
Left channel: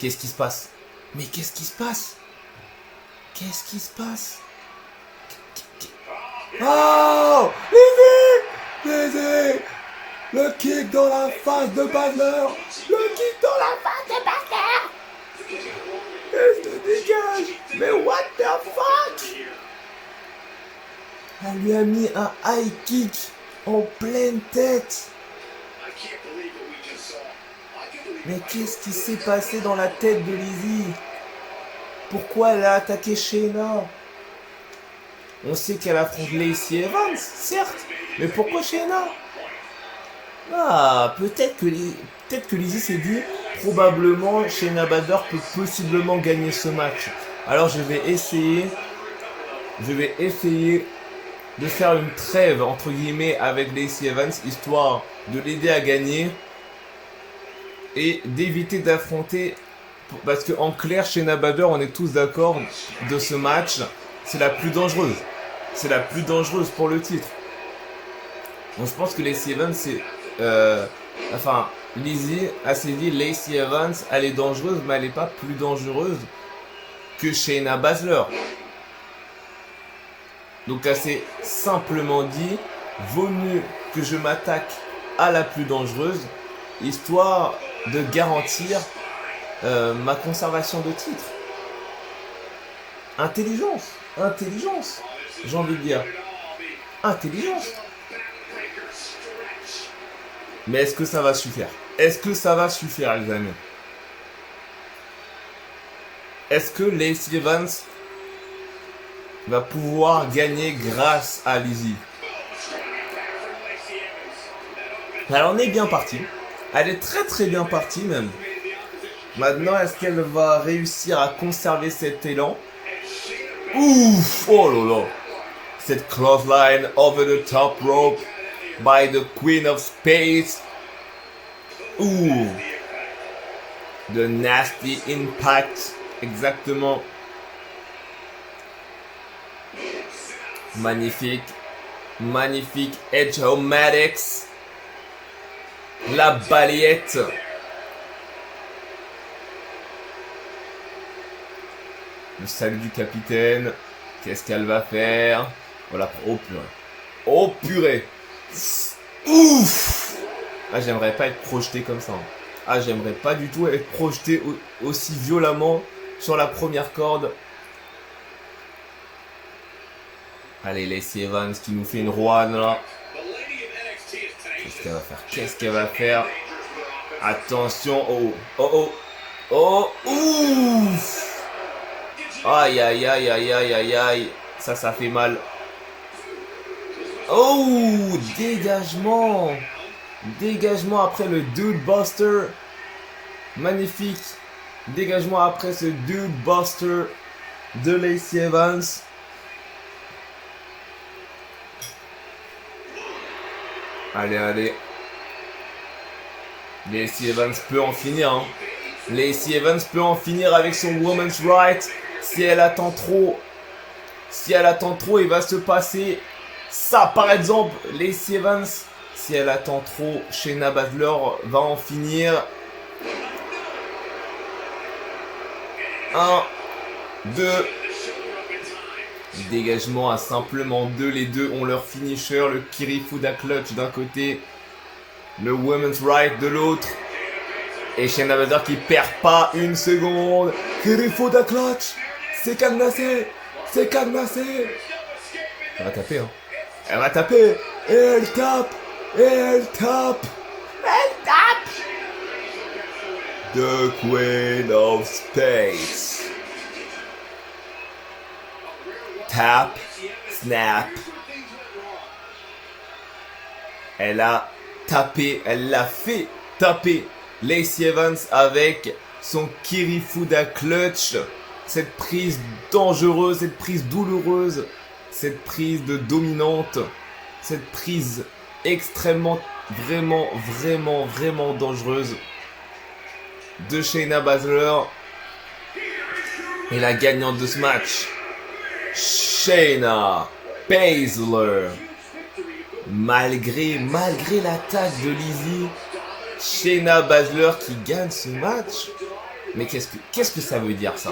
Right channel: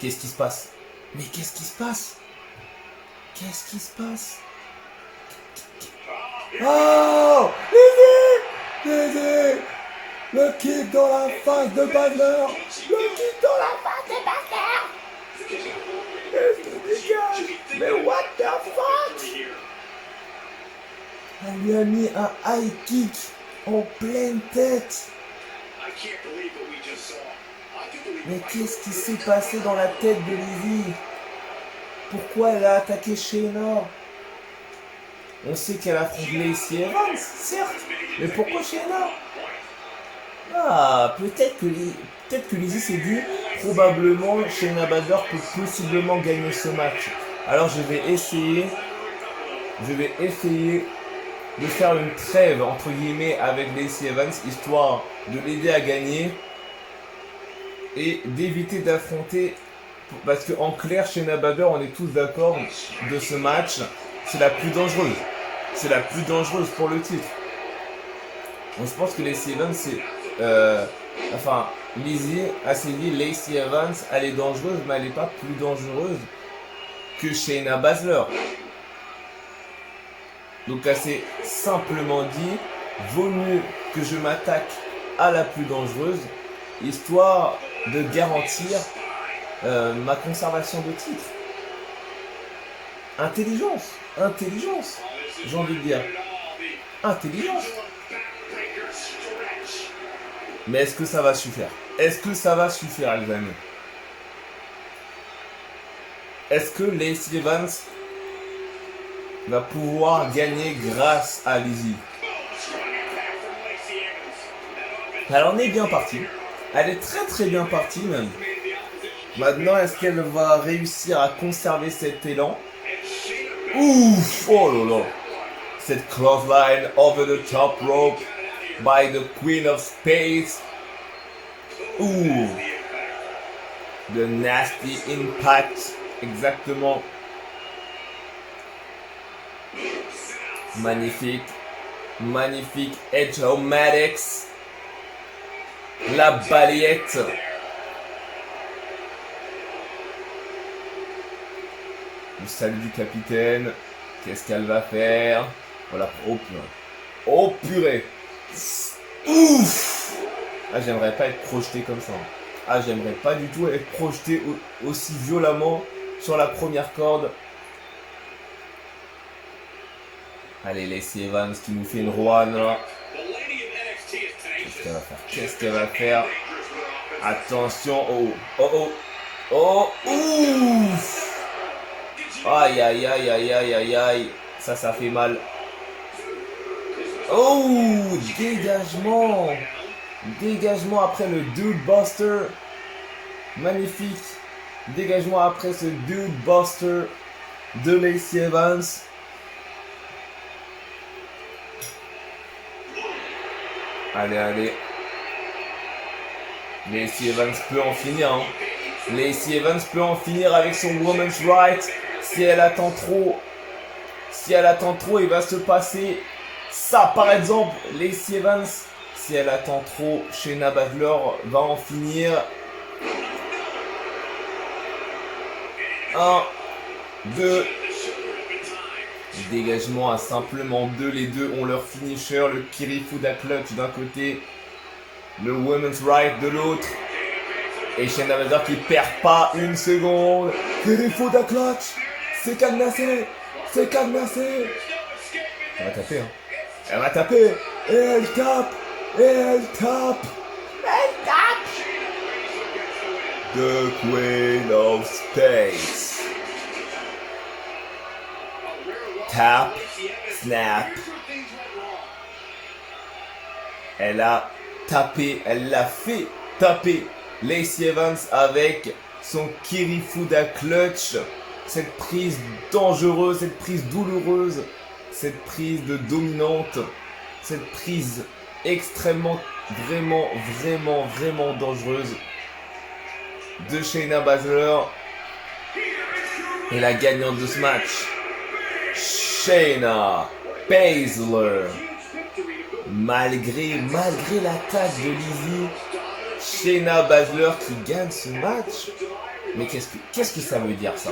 Qu'est-ce qui se passe? Mais qu'est-ce qui se passe? Qu'est-ce qui se passe? Oh! Lizzie! Le kick dans la face de Baszler! Le kick dans la face de Baszler! Qu'est-ce que dégage? Mais what the fuck? Elle lui a mis un high kick en pleine tête. Mais qu'est-ce qui s'est passé dans la tête de Lizzie? Pourquoi elle a attaqué Shayna? On sait qu'elle affronte Lacey Evans, certes, mais pourquoi Shayna? Ah, peut-être que Lizzie s'est dit, probablement Shayna Baszler peut possiblement gagner ce match. Alors je vais essayer de faire une trêve entre guillemets avec Lacey Evans, histoire de l'aider à gagner et d'éviter d'affronter, parce que en clair, Shayna Baszler, on est tous d'accord de ce match, c'est la plus dangereuse. C'est la plus dangereuse pour le titre. Donc je pense que Lacey Evans, Lizzie a dit Lacey Evans, elle est dangereuse, mais elle n'est pas plus dangereuse que Shayna Baszler. Donc elle s'est simplement dit, vaut mieux que je m'attaque à la plus dangereuse, histoire de garantir ma conservation de titre. Intelligence, j'ai envie de dire. Intelligence. Mais est-ce que ça va suffire? Est-ce que ça va suffire, les amis? Est-ce que Lacey Evans va pouvoir gagner grâce à Lizzie? Alors on est bien parti. Elle est très très bien partie même. Maintenant, est-ce qu'elle va réussir à conserver cet élan? Ouf! Oh là là! Cette clothesline over the top rope by the Queen of Spades. Ouh! The nasty impact. Exactement. Magnifique. Magnifique. Edge-O-Matics. La balayette. Le salut du capitaine. Qu'est-ce qu'elle va faire? Voilà. Oh purée. Oh purée. Ouf. Ah, j'aimerais pas être projeté comme ça. Ah, j'aimerais pas du tout être projeté aussi violemment sur la première corde. Allez, Lacey Evans qui nous fait une Rowan là. Qu'est-ce qu'elle va faire? Qu'est-ce qu'elle va faire? Attention. Oh. Oh oh. Oh. Ouf. Aïe aïe aïe aïe aïe aïe aïe. Ça fait mal. Oh, dégagement. Dégagement après le Dude Buster. Magnifique. Dégagement après ce Dude Buster de Lacey Evans. Allez, allez. Lacey Evans peut en finir. Hein. Lacey Evans peut en finir avec son Woman's Right. Si elle attend trop, il va se passer ça. Par exemple, Lacey Evans, si elle attend trop, Shayna Baszler va en finir. 1, 2. Dégagement à simplement 2. Les deux ont leur finisher. Le Kirifuda Clutch d'un côté, le Women's Right de l'autre. Et Shayna Baszler qui perd pas une seconde. Kirifuda Clutch. C'est cadenassé. C'est cadenassé. Elle va taper, hein. Elle va taper. Et elle tape. Et elle tape. Elle tape. The Queen of Space. Tap. Snap. Elle a tapé. Elle l'a fait taper Lacey Evans avec son Kirifuda Clutch. Cette prise dangereuse, cette prise douloureuse, cette prise de dominante, cette prise extrêmement, vraiment dangereuse de Shayna Baszler. Et la gagnante de ce match, Shayna Baszler. Malgré l'attaque de Lizzie, Shayna Baszler qui gagne ce match. Mais qu'est-ce que ça veut dire ça?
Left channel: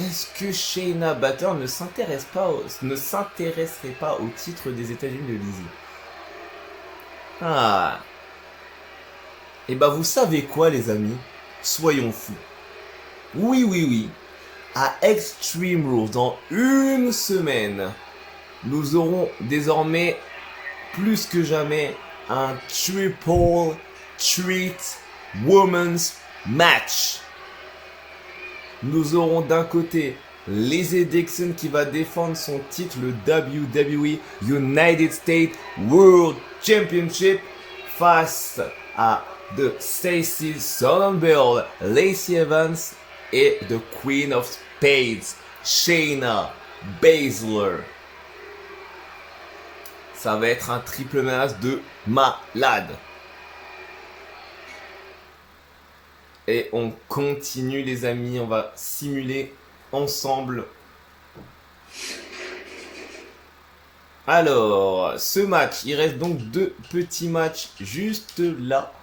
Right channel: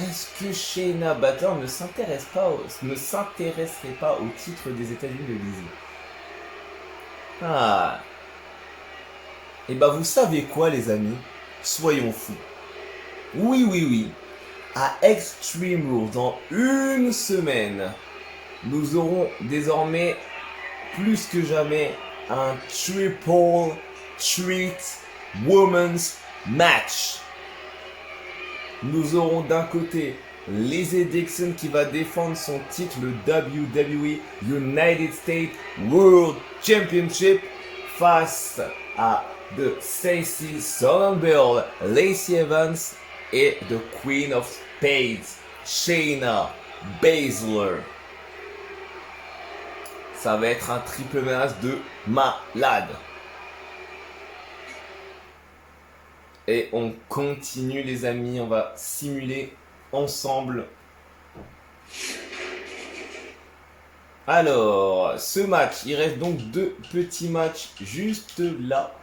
Est-ce que Shayna Baszler ne s'intéresserait pas au titre des États-Unis de Lizzie? Ah. Et bah vous savez quoi les amis? Soyons fous. Oui. À Extreme Rules, dans une semaine, nous aurons désormais plus que jamais un Triple Threat Women's Match. Nous aurons d'un côté Lizzie Dixon qui va défendre son titre, le WWE United States World Championship, face à The Stacey Sonnenberg, Lacey Evans et The Queen of Spades, Shayna Baszler. Ça va être un triple menace de malade. Et on continue les amis, on va simuler ensemble. Alors, ce match, il reste donc 2 petits matchs juste là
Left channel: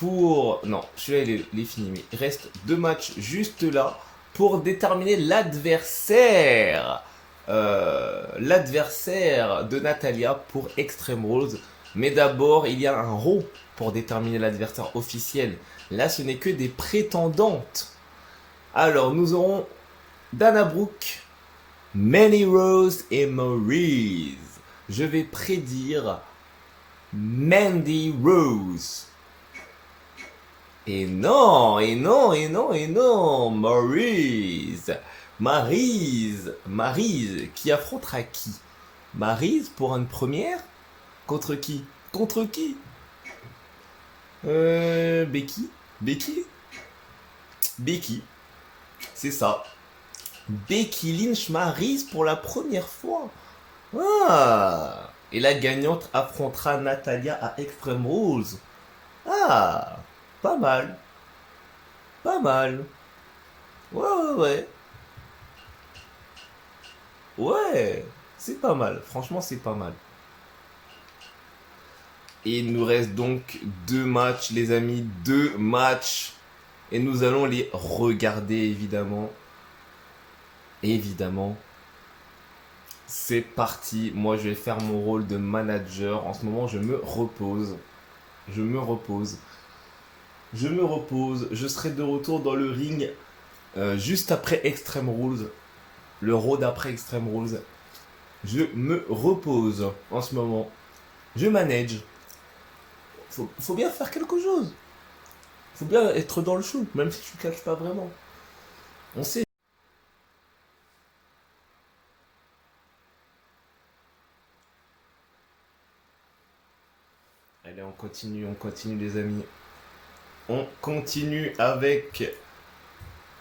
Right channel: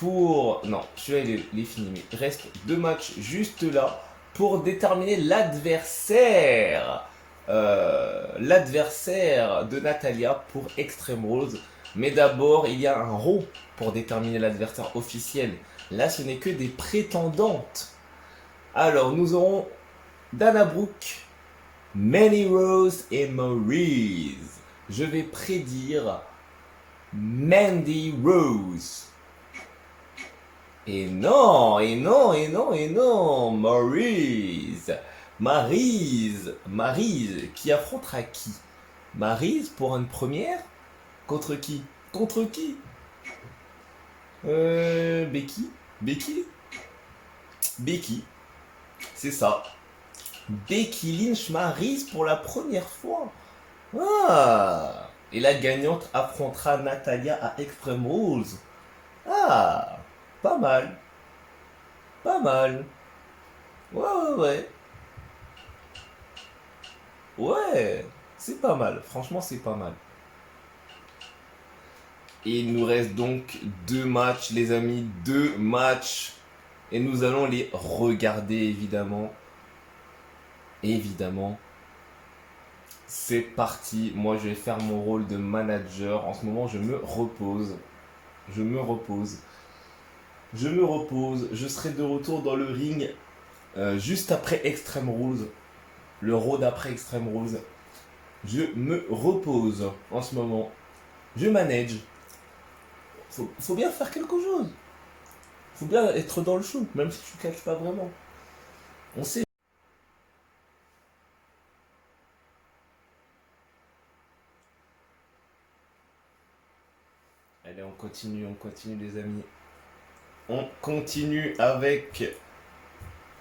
pour... Non, je vais les finir, mais il reste 2 matchs juste là pour déterminer l'adversaire. L'adversaire de Natalya pour Extreme Rules. Mais d'abord, il y a un Raw pour déterminer l'adversaire officiel. Là, ce n'est que des prétendantes. Alors, nous aurons Dana Brooke, Mandy Rose et Maryse. Je vais prédire Mandy Rose. Et non, et non, et non, et non, Maryse, qui affrontera qui? Maryse pour une première? Contre qui? Contre qui? Becky? Becky? Becky, c'est ça. Becky Lynch Maryse pour la première fois. Ah! Et la gagnante affrontera Natalia à Extreme Rules. Ah! Pas mal. Pas mal. Ouais, ouais, ouais. Ouais, c'est pas mal. Franchement, c'est pas mal. Et il nous reste donc 2 matchs, les amis. 2 matchs. Et nous allons les regarder, évidemment. Évidemment. C'est parti. Moi, je vais faire mon rôle de manager. En ce moment, je me repose. Je me repose. Je me repose. Je serai de retour dans le ring juste après Extreme Rules. Le road après Extreme Rules. Je me repose en ce moment. Je manage. Faut bien faire quelque chose. Faut bien être dans le show, même si tu ne catches pas vraiment. On sait. Allez, on continue les amis. On continue avec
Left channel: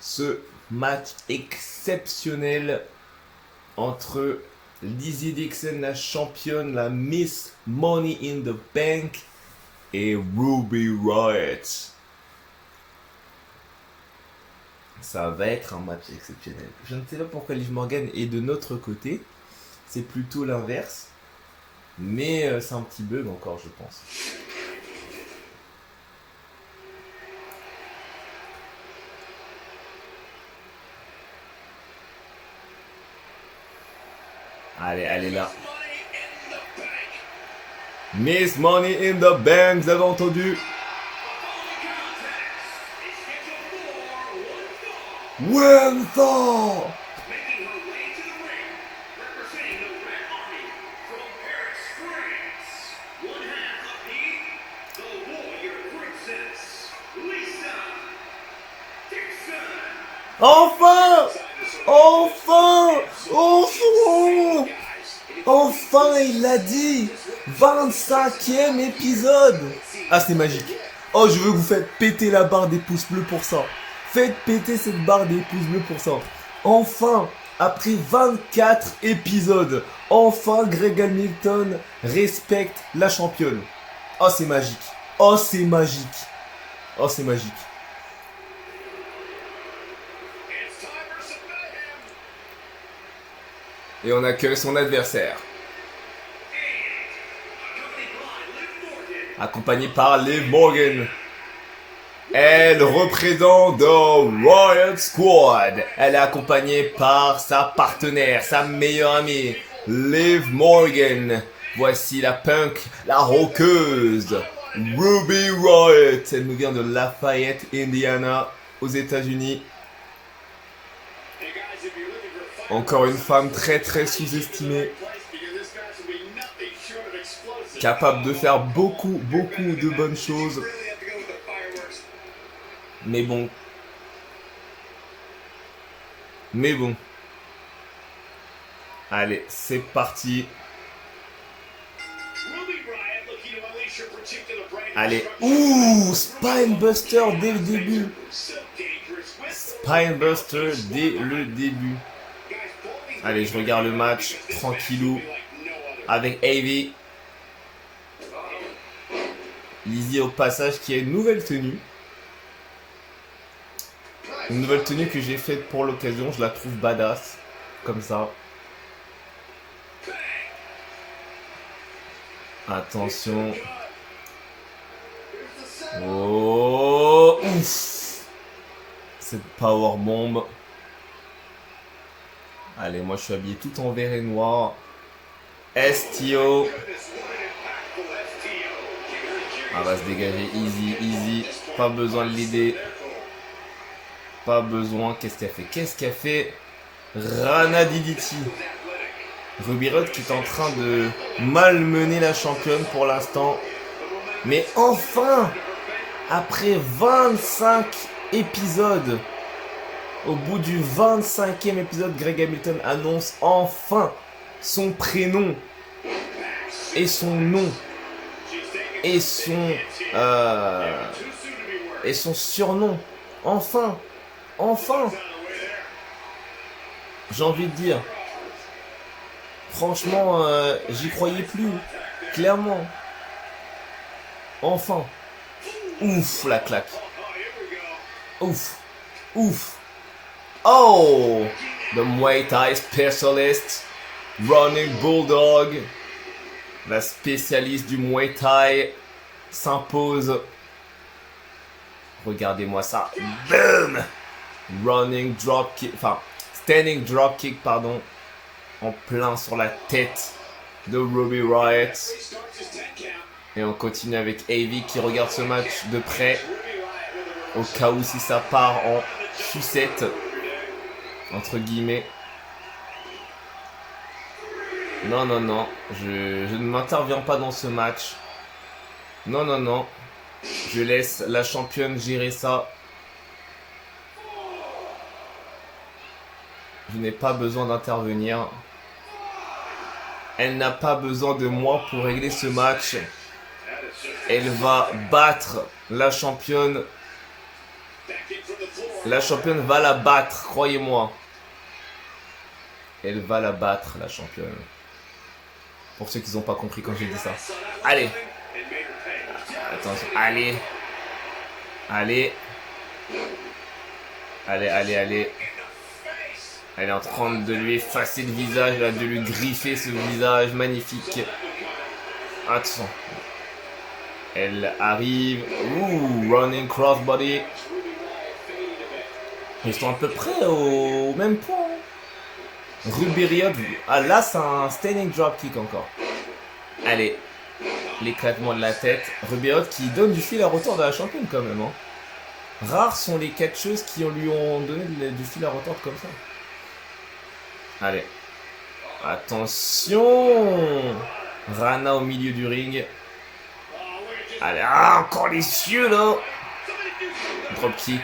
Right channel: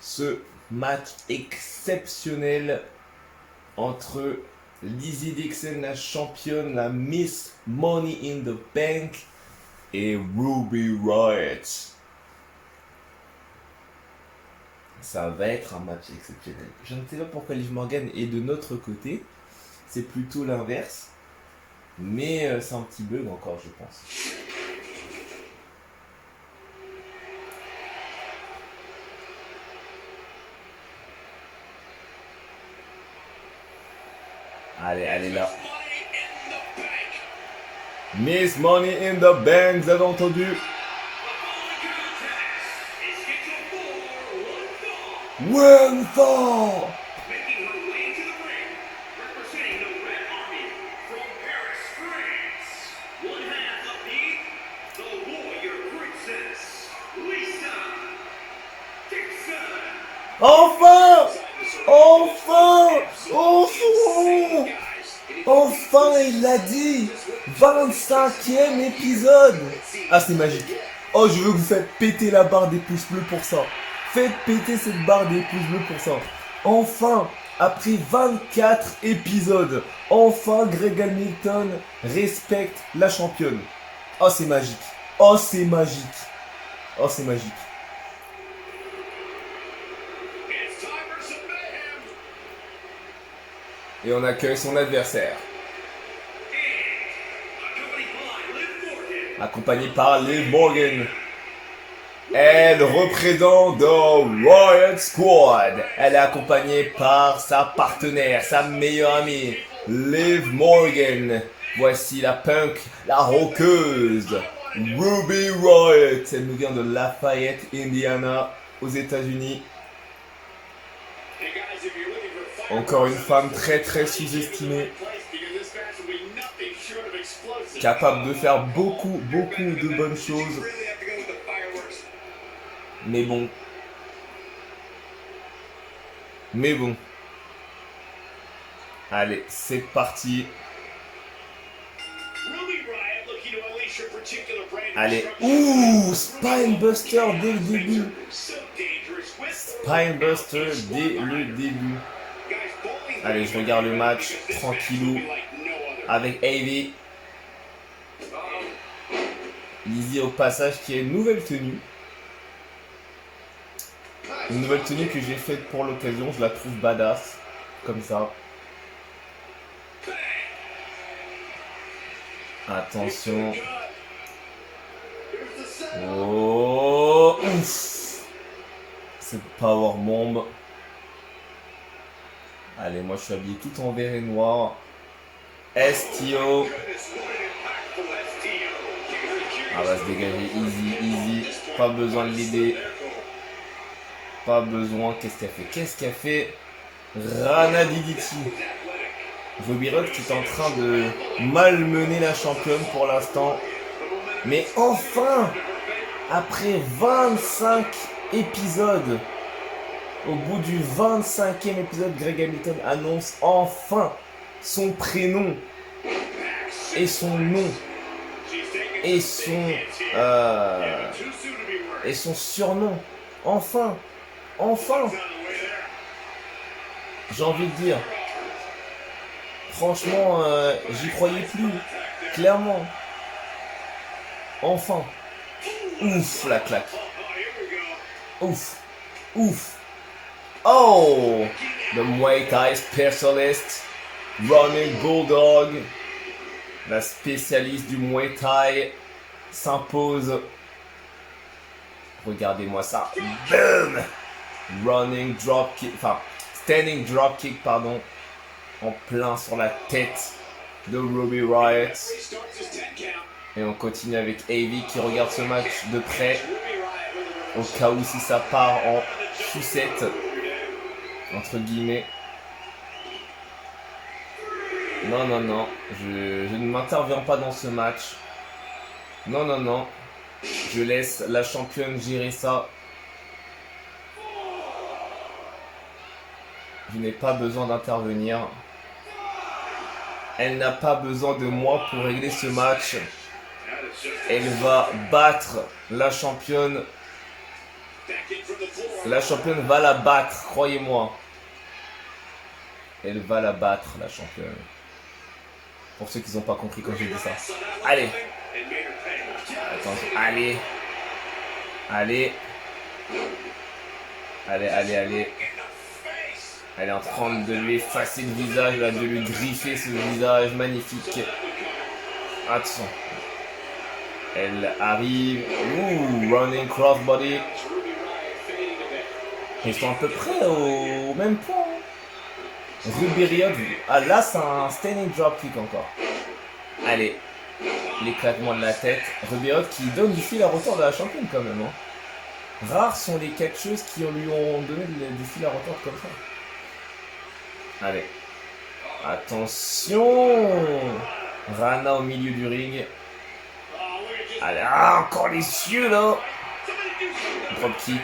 ce match exceptionnel entre Lizzie Dixon, la championne, la Miss Money in the Bank, et Ruby Riott. Ça va être un match exceptionnel. Je ne sais pas pourquoi Liv Morgan est de notre côté. C'est plutôt l'inverse. Mais c'est un petit bug encore, je pense. Allez, elle est là. Miss Money in the Bank, vous avez entendu? One Thor! Making her way to the ring, representing the Red Army from Paris, France. One half of the Warrior Princess, Lisa Dixon. Enfin! Enfin! Enfin! Enfin, il l'a dit! 25e épisode! Ah, c'est magique. Oh, je veux que vous faites péter la barre des pouces bleus pour ça. Faites péter cette barre des pouces bleus pour ça. Enfin, après 24 épisodes, enfin Greg Hamilton respecte la championne. Oh, c'est magique. Oh, c'est magique. Oh, c'est magique. Et on accueille son adversaire. Accompagné par Liv Morgan. Elle représente The Riott Squad. Elle est accompagnée par sa partenaire, sa meilleure amie, Liv Morgan. Voici la punk, la rockeuse, Ruby Riott. Elle nous vient de Lafayette, Indiana, aux États-Unis. Encore une femme très très sous-estimée. Capable de faire beaucoup de bonnes choses. Mais bon. Allez, c'est parti. Allez. Ouh, Spinebuster dès le début. Spinebuster dès le début. Allez, je regarde le match tranquillou avec Ivy. Lizzie au passage qui a une nouvelle tenue. Une nouvelle tenue que j'ai faite pour l'occasion, je la trouve badass. Comme ça. Attention. Oh, ouf. C'est powerbomb. Allez, moi je suis habillé tout en vert et noir. STO. Ah, va se dégager, easy. Pas besoin de l'aider. Pas besoin. Qu'est-ce qu'elle fait? Rana Diditi. Ruby Riott qui est en train de malmener la championne pour l'instant. Mais enfin! après 25 épisodes, au bout du 25e épisode, Greg Hamilton annonce enfin son prénom et son nom et son surnom. Enfin, j'ai envie de dire. Franchement, j'y croyais plus, clairement. Enfin. Ouf, la claque. Ouf. Oh, the Muay Thai specialist, Running Bulldog, la spécialiste du Muay Thai, s'impose. Regardez-moi ça. Boom! Running drop kick, enfin, standing drop kick, pardon, en plein sur la tête de Ruby Riott. Et on continue avec Avi qui regarde ce match de près, au cas où si ça part en sucette, entre guillemets. Non, je ne m'interviens pas dans ce match. Non, je laisse la championne gérer ça. Je n'ai pas besoin d'intervenir. Elle n'a pas besoin de moi pour régler ce match. Elle va battre la championne. La championne va la battre, croyez-moi. Elle va la battre, la championne. Pour ceux qui n'ont pas compris quand j'ai dit ça. Allez. Attention, allez. Elle est en train de lui effacer le visage, de lui griffer ce visage magnifique. Attention. Elle arrive. Ouh, running crossbody. Ils sont à peu près au même point. Ruby Riott. Ah là, c'est un standing drop kick encore. Allez. L'éclatement de la tête. Ruby Riott qui donne du fil à retordre à la championne quand même. Hein. Rares sont les catcheuses qui lui ont donné du fil à retordre comme ça. Allez. Attention. Rana au milieu du ring. Allez, encore les cieux là. Drop kick.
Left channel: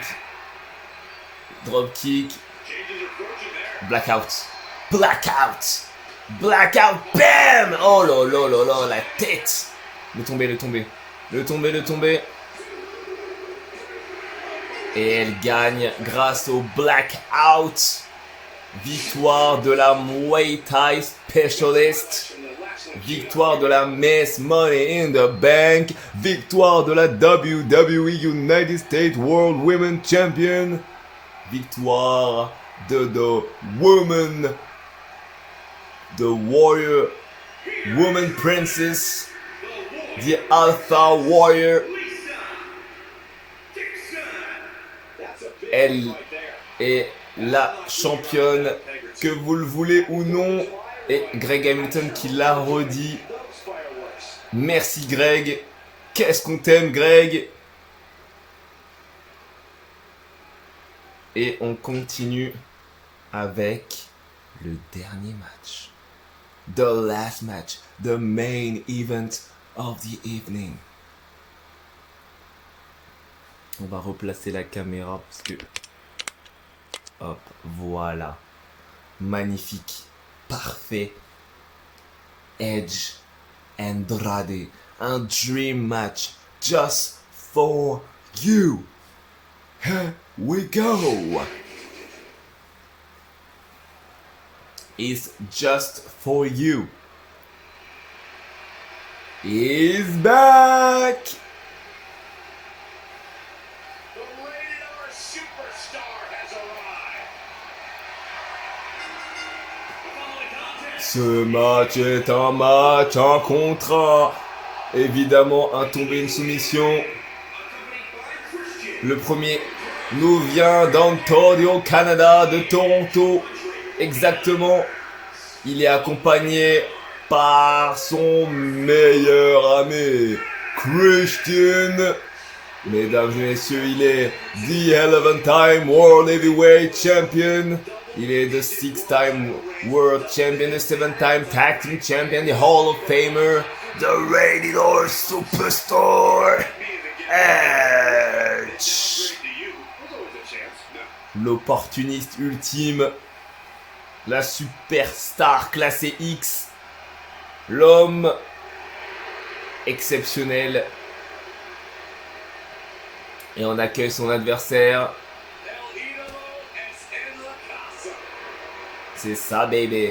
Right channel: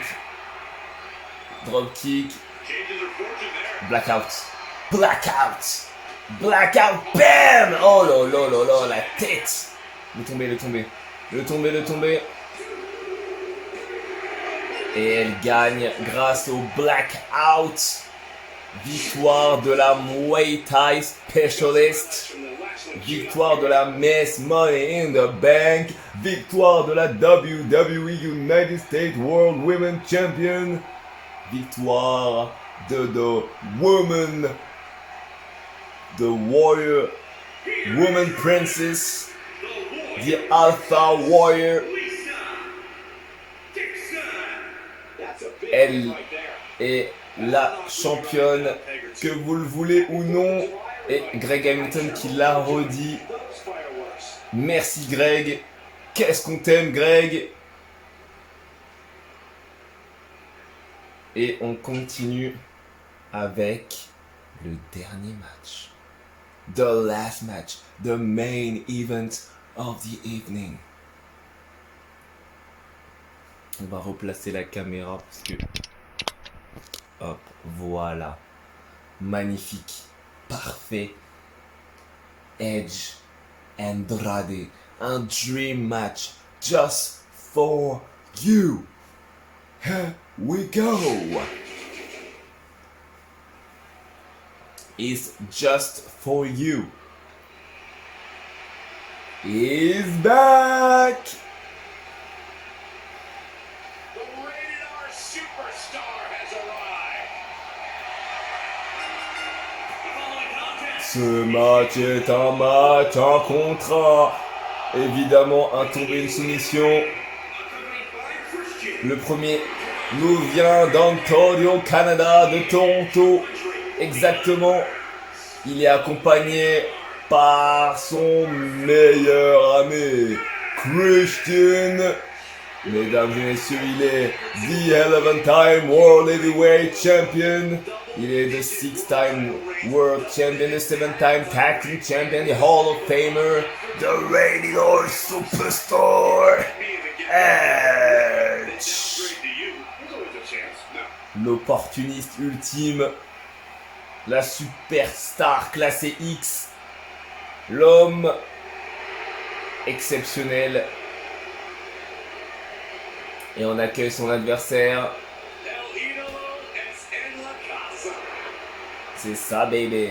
Blackout. Bam. Oh là, la tête. Le tomber. Et elle gagne grâce au blackout. Victoire de la Muay Thai Specialist. Victoire de la Miss Money in the Bank. Victoire de la WWE United States World Women Champion. Victoire de the Woman, the Warrior, Woman Princess, the Alpha Warrior. Elle est la championne, que vous le voulez ou non. Et Greg Hamilton qui l'a redit. Merci Greg. Qu'est-ce qu'on t'aime Greg. Et on continue avec le dernier match. The last match. The main event of the evening. On va replacer la caméra parce que... Hop, voilà. Magnifique. Parfait. Edge Andrade. Un dream match. Just for you. Here we go. It's just for you. He's back. The Rated R Superstar has arrived. Ce match est un match, un contrat. Évidemment, un tombé, une soumission. Le premier nous vient d'Ontario, Canada, de Toronto. Exactement. Il est accompagné par son meilleur ami, Christian. Mesdames et messieurs, il est the 11th-time World Heavyweight Champion. Il est the 6th-time World Champion, the 7th-time Tag Team Champion, the Hall of Famer, the Rated R Superstar. Edge. L'opportuniste ultime. La superstar classée X. L'homme exceptionnel. Et on accueille son adversaire. C'est ça, baby.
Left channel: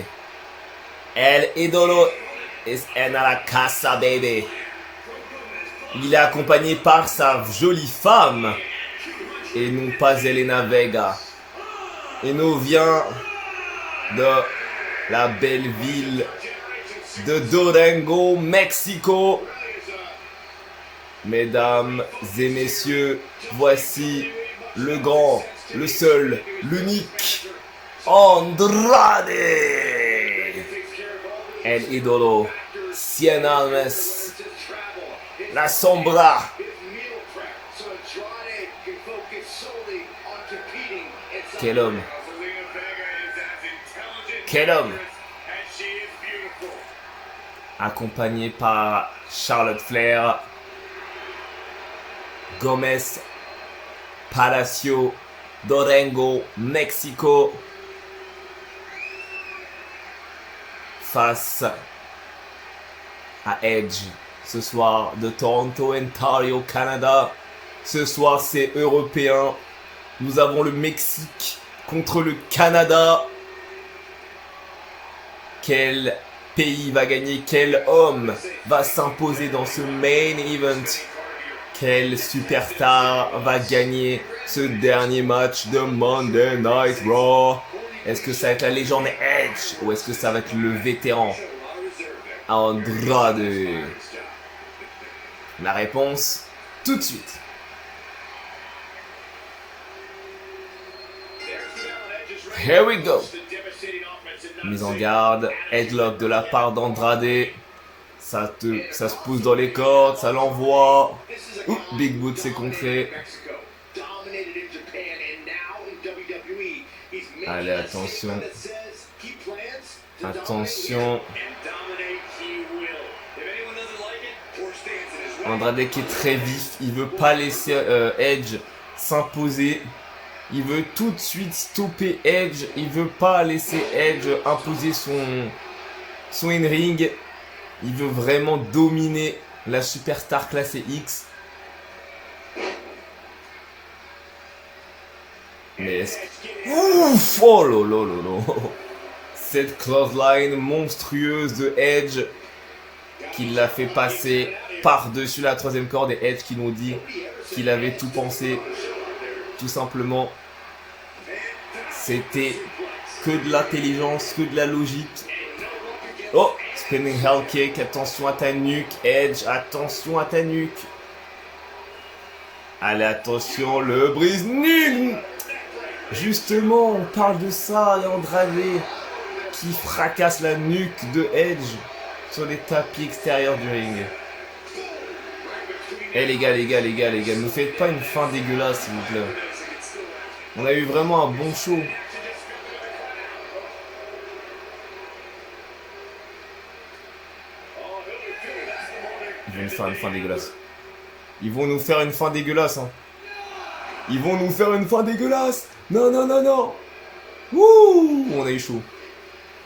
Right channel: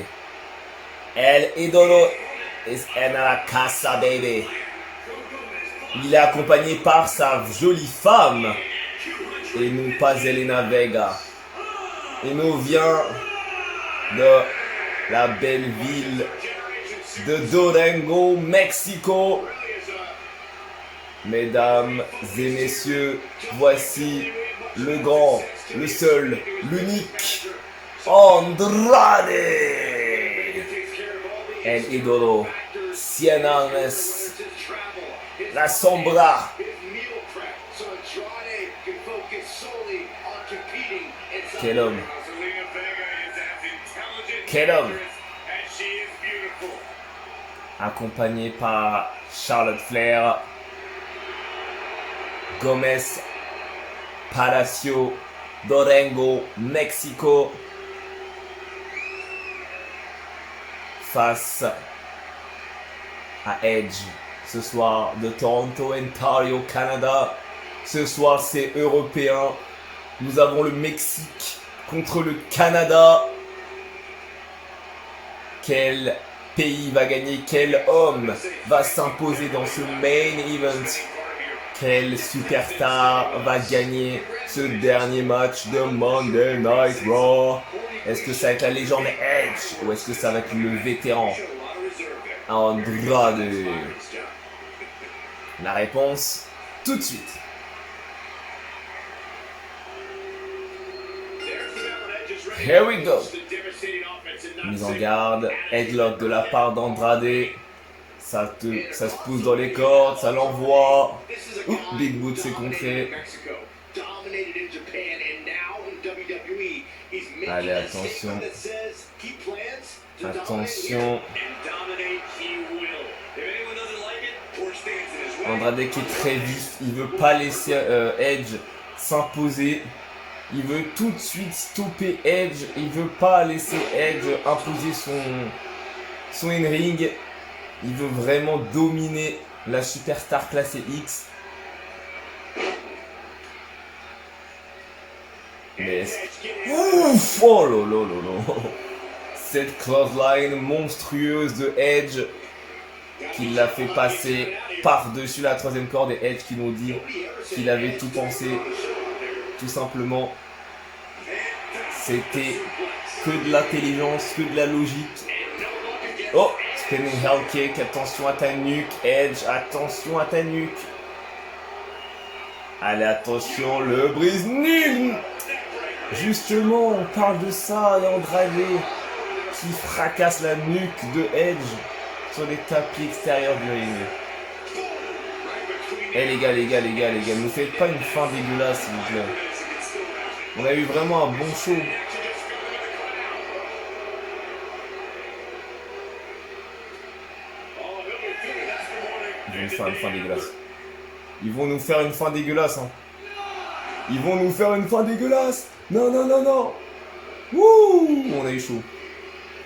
El Idolo es en la casa, baby. Il est accompagné par sa jolie femme. Et non pas Zelena Vega. Et nous vient de la belle ville de Durango, Mexico. Mesdames et messieurs, voici le grand, le seul, l'unique Andrade. El Idolo, Cien Almas, la Sombra. Quel homme! Quel homme! Accompagné par Charlotte Flair, Gomez, Palacio, Durango, Mexico, face à Edge ce soir de Toronto, Ontario, Canada. Ce soir c'est européen. Nous avons le Mexique contre le Canada. Quel pays va gagner? Quel homme va s'imposer dans ce main event? Quel superstar va gagner ce dernier match de Monday Night Raw? Est-ce que ça va être la légende Edge ou est-ce que ça va être le vétéran Andrade? La réponse tout de suite. Here we go. Mise en garde, headlock de la part d'Andrade. Ça se pousse dans les cordes, ça l'envoie. Big Boot s'est contré. Allez, attention. Attention. Andrade qui est très vif, il veut pas laisser Edge s'imposer. Il veut tout de suite stopper Edge. Il veut pas laisser Edge imposer son in-ring. Il veut vraiment dominer la superstar classée X. Mais ouf! Oh là. Cette clothesline monstrueuse de Edge qui l'a fait passer par-dessus la troisième corde, et Edge qui nous dit qu'il avait tout pensé. Tout simplement, c'était que de l'intelligence, que de la logique. Oh, spinning hell kick, attention à ta nuque, Edge, attention à ta nuque. Allez, attention, le brise-nuque. Justement, on parle de ça, Andrade qui fracasse la nuque de Edge sur les tapis extérieurs du ring. Eh les gars, ne nous faites pas une fin dégueulasse s'il vous plaît. On a eu vraiment un bon show. Ils vont nous faire une fin dégueulasse. Ils vont nous faire une fin dégueulasse. Hein. Ils vont nous faire une fin dégueulasse. Non. Wouh, on a eu chaud.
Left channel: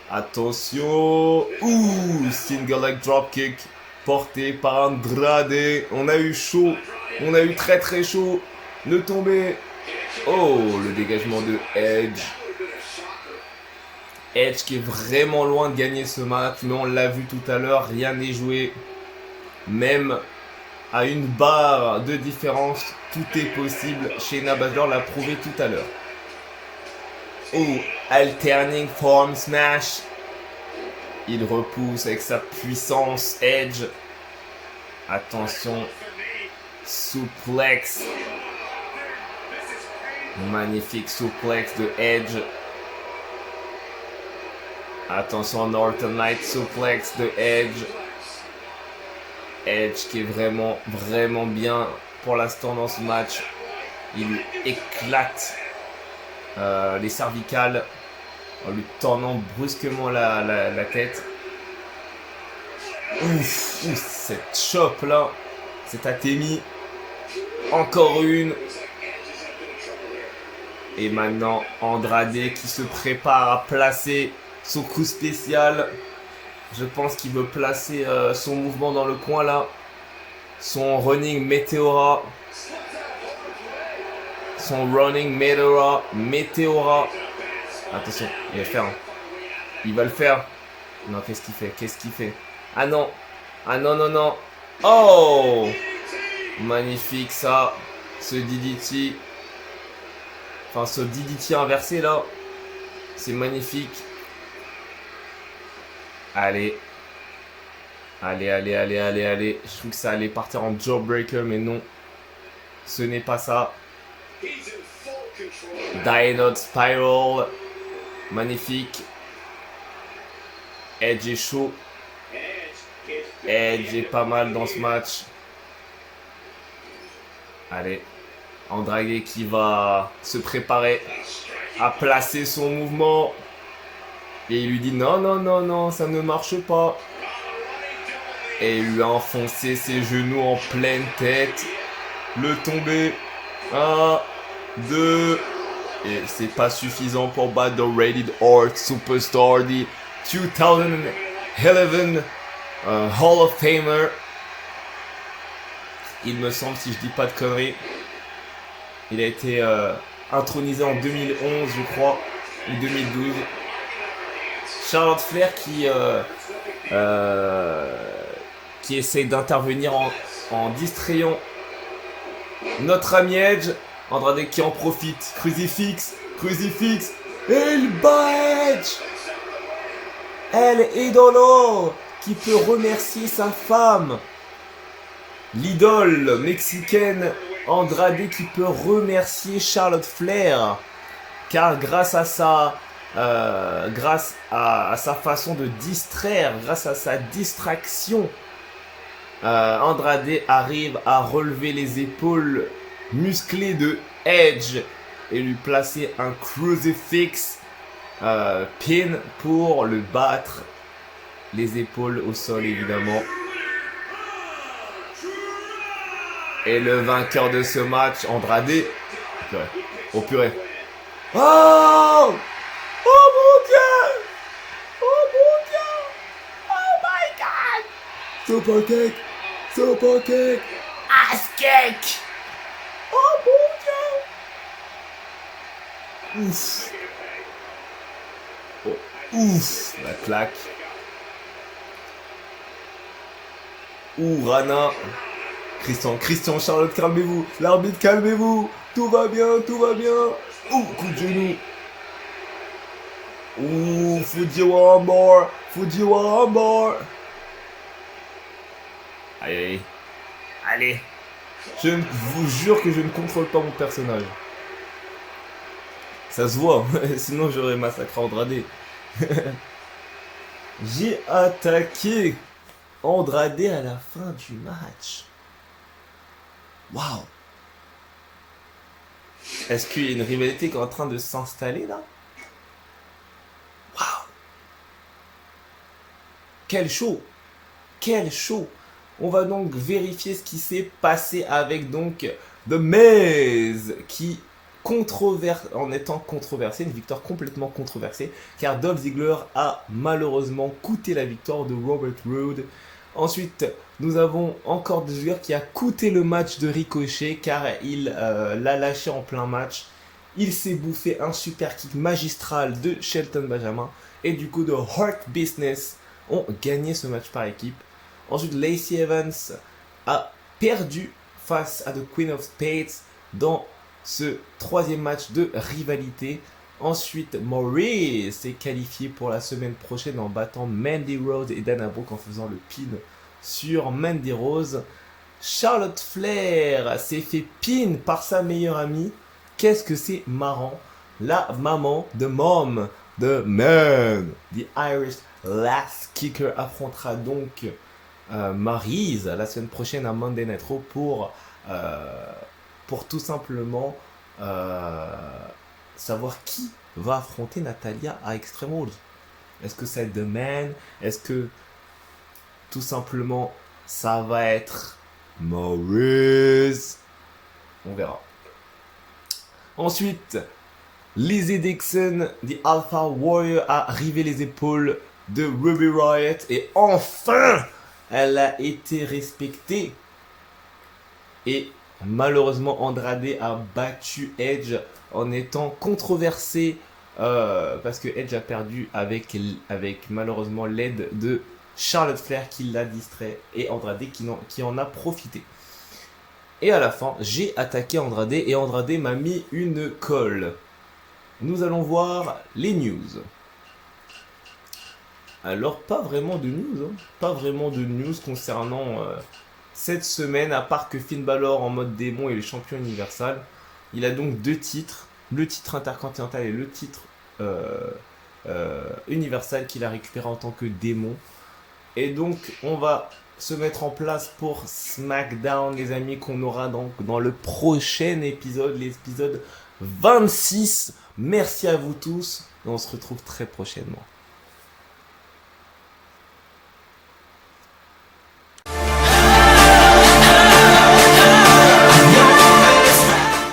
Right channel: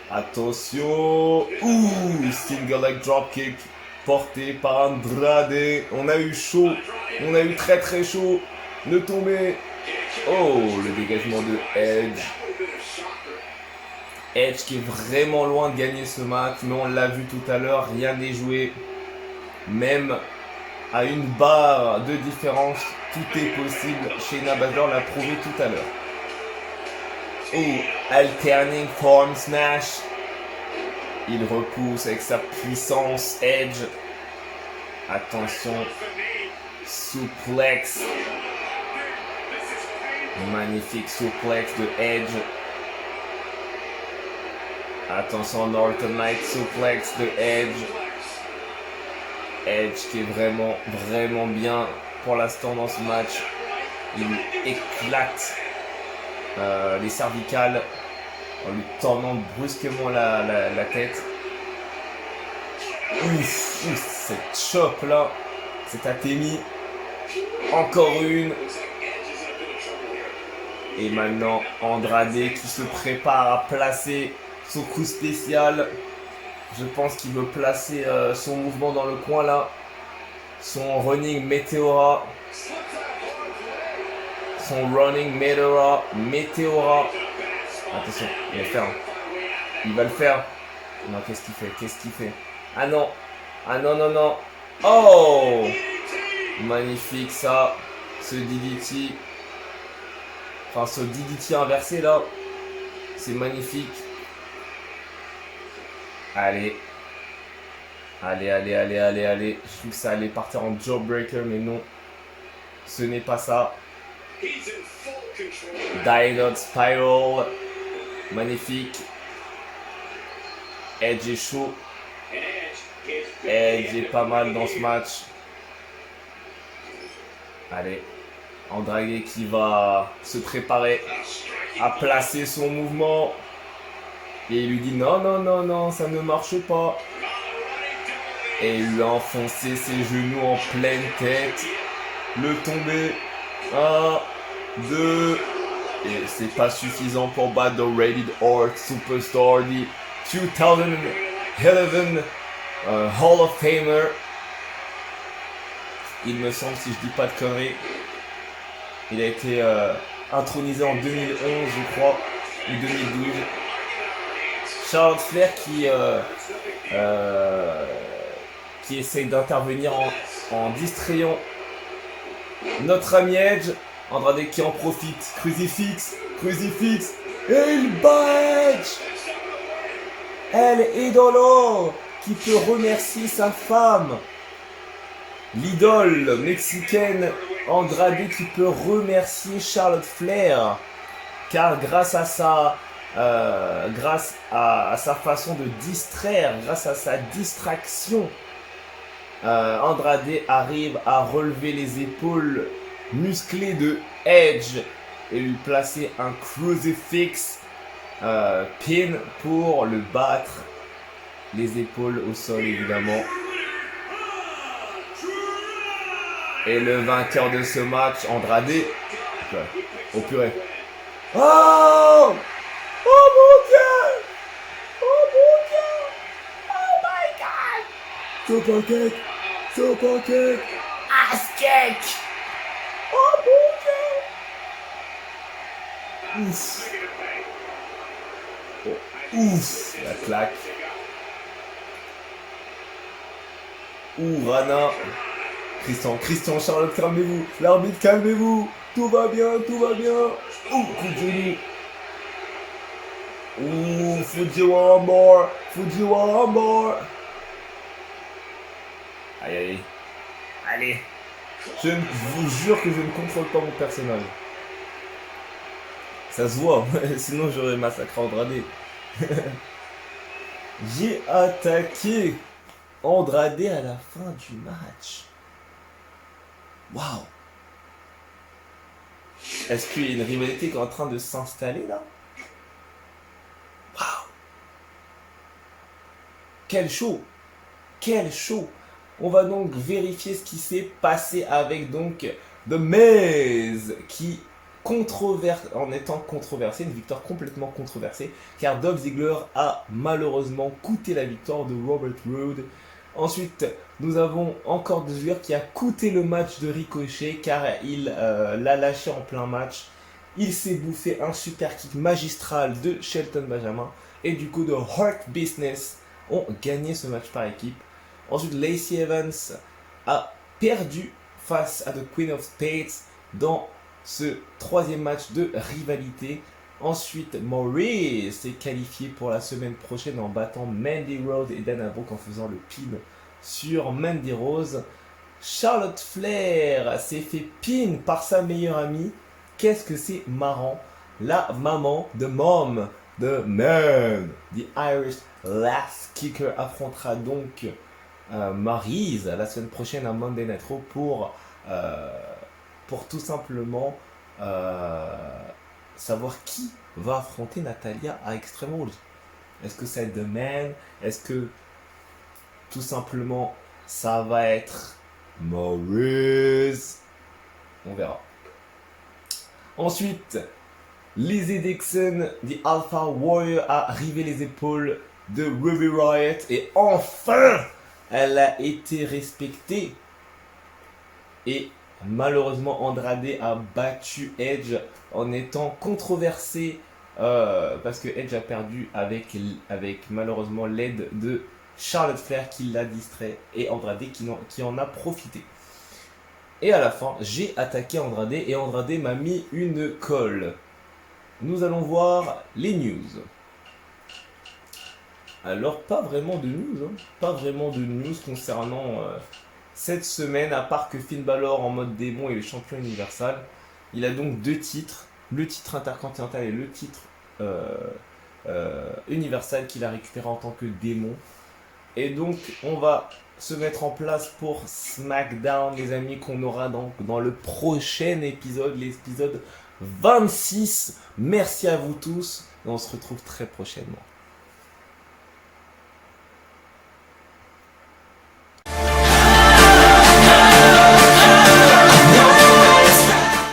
Attention. Ouh, single leg dropkick porté par Andrade. On a eu chaud. On a eu très très chaud. Le tombé. Oh, le dégagement de Edge. Edge qui est vraiment loin de gagner ce match, mais on l'a vu tout à l'heure, rien n'est joué. Même à une barre de différence, tout est possible. Shayna Baszler l'a prouvé tout à l'heure. Oh, alterning form smash. Il repousse avec sa puissance Edge. Attention, suplex. Magnifique suplex de Edge. Attention, Northern Light suplex de Edge. Edge qui est vraiment bien pour l'instant dans ce match. Il éclate les cervicales en lui tournant brusquement la tête. Ouf, cette chope là, cet Atemi. Encore une. Et maintenant, Andrade qui se prépare à placer son coup spécial. Je pense qu'il veut placer son mouvement dans le coin là. Son running Meteora. Son running Meteora. Attention, il va le faire. Il va le faire. Non, qu'est-ce qu'il fait? Qu'est-ce qu'il fait? Ah non. Ah non, non, non. Oh! Magnifique ça. Ce DDT. Enfin, ce DDT inversé là. C'est magnifique. Allez. Allez, allez, allez, allez, allez. Je trouve que ça allait partir en jawbreaker, mais non. Ce n'est pas ça. Dynot Spiral. Magnifique. Edge est chaud. Edge est pas mal dans ce match. Allez. Andrade qui va se préparer à placer son mouvement. Et il lui dit non, non, non, non, ça ne marche pas. Et il lui a enfoncé ses genoux en pleine tête. Le tombé. 1, 2. Et c'est pas suffisant pour battre The Rated R Superstar, the 2011 Hall of Famer. Il me semble, si je dis pas de conneries. Il a été intronisé en 2011, je crois, ou 2012. Charlotte Flair qui essaye d'intervenir en distrayant notre ami Edge. Andrade qui en profite. Crucifix. Et il bat Edge. El Idolo qui peut remercier sa femme. L'idole mexicaine Andrade qui peut remercier Charlotte Flair. Car grâce à sa façon de distraire, grâce à sa distraction, Andrade arrive à relever les épaules musclées de Edge et lui placer un crucifix pin pour le battre. Les épaules au sol évidemment. Et le vainqueur de ce match, Andrade. Oh purée. Oh! Oh mon dieu! Oh mon dieu! Oh my god! Super cake! Ass cake! Oh mon dieu! Ouf! Oh, ouf! La claque. Ouh, Rana. Christian, Charlotte, calmez-vous. L'arbitre, calmez-vous. Tout va bien. Ouh, coup de genou. Ouh, Fujiwara armbar. Aïe. Allez. Je vous jure que je ne contrôle pas mon personnage. Ça se voit, sinon j'aurais massacré Andrade. J'ai attaqué Andrade à la fin du match. Waouh! Est-ce qu'il y a une rivalité qui est en train de s'installer là? Waouh! Quel show! On va donc vérifier ce qui s'est passé avec donc The Miz qui en étant controversé, une victoire complètement controversée, car Dolph Ziggler a malheureusement coûté la victoire de Robert Roode. Ensuite, nous avons encore Dolph Ziggler qui a coûté le match de Ricochet, car il l'a lâché en plein match. Il s'est bouffé un super kick magistral de Shelton Benjamin, et du coup, The Hurt Business ont gagné ce match par équipe. Ensuite, Lacey Evans a perdu face à The Queen of Spades dans ce troisième match de rivalité. Ensuite, Maurice s'est qualifié pour la semaine prochaine en battant Mandy Rose et Dana Brooke en faisant le pin sur Mandy Rose. Charlotte Flair s'est fait pin par sa meilleure amie. Qu'est-ce que c'est marrant. La maman de Mom, de Man, The Irish Lass Kicker, affrontera donc Maryse la semaine prochaine à Monday Night Raw pour tout simplement savoir qui va affronter Natalya à Extreme Rules. Est-ce que ça va être The Man? Est-ce que tout simplement ça va être Maryse? On verra. Ensuite, Lizzie Dixon, The Alpha Warrior, a rivé les épaules de Ruby Riott. Et enfin, elle a été respectée. Et malheureusement, Andrade a battu Edge en étant controversé. Parce que Edge a perdu avec malheureusement l'aide de Charlotte Flair qui l'a distrait. Et Andrade qui en a profité. Et à la fin, j'ai attaqué Andrade et Andrade m'a mis une colle. Nous allons voir les news. Alors, pas vraiment de news. Pas vraiment de news concernant cette semaine, à part que Finn Balor en mode démon est le champion universal. Il a donc 2 titres. Le titre intercontinental et le titre universal qu'il a récupéré en tant que démon. Et donc, on va se mettre en place pour SmackDown, les amis, qu'on aura donc dans le prochain épisode, l'épisode 26. Merci à vous tous et on se retrouve très prochainement.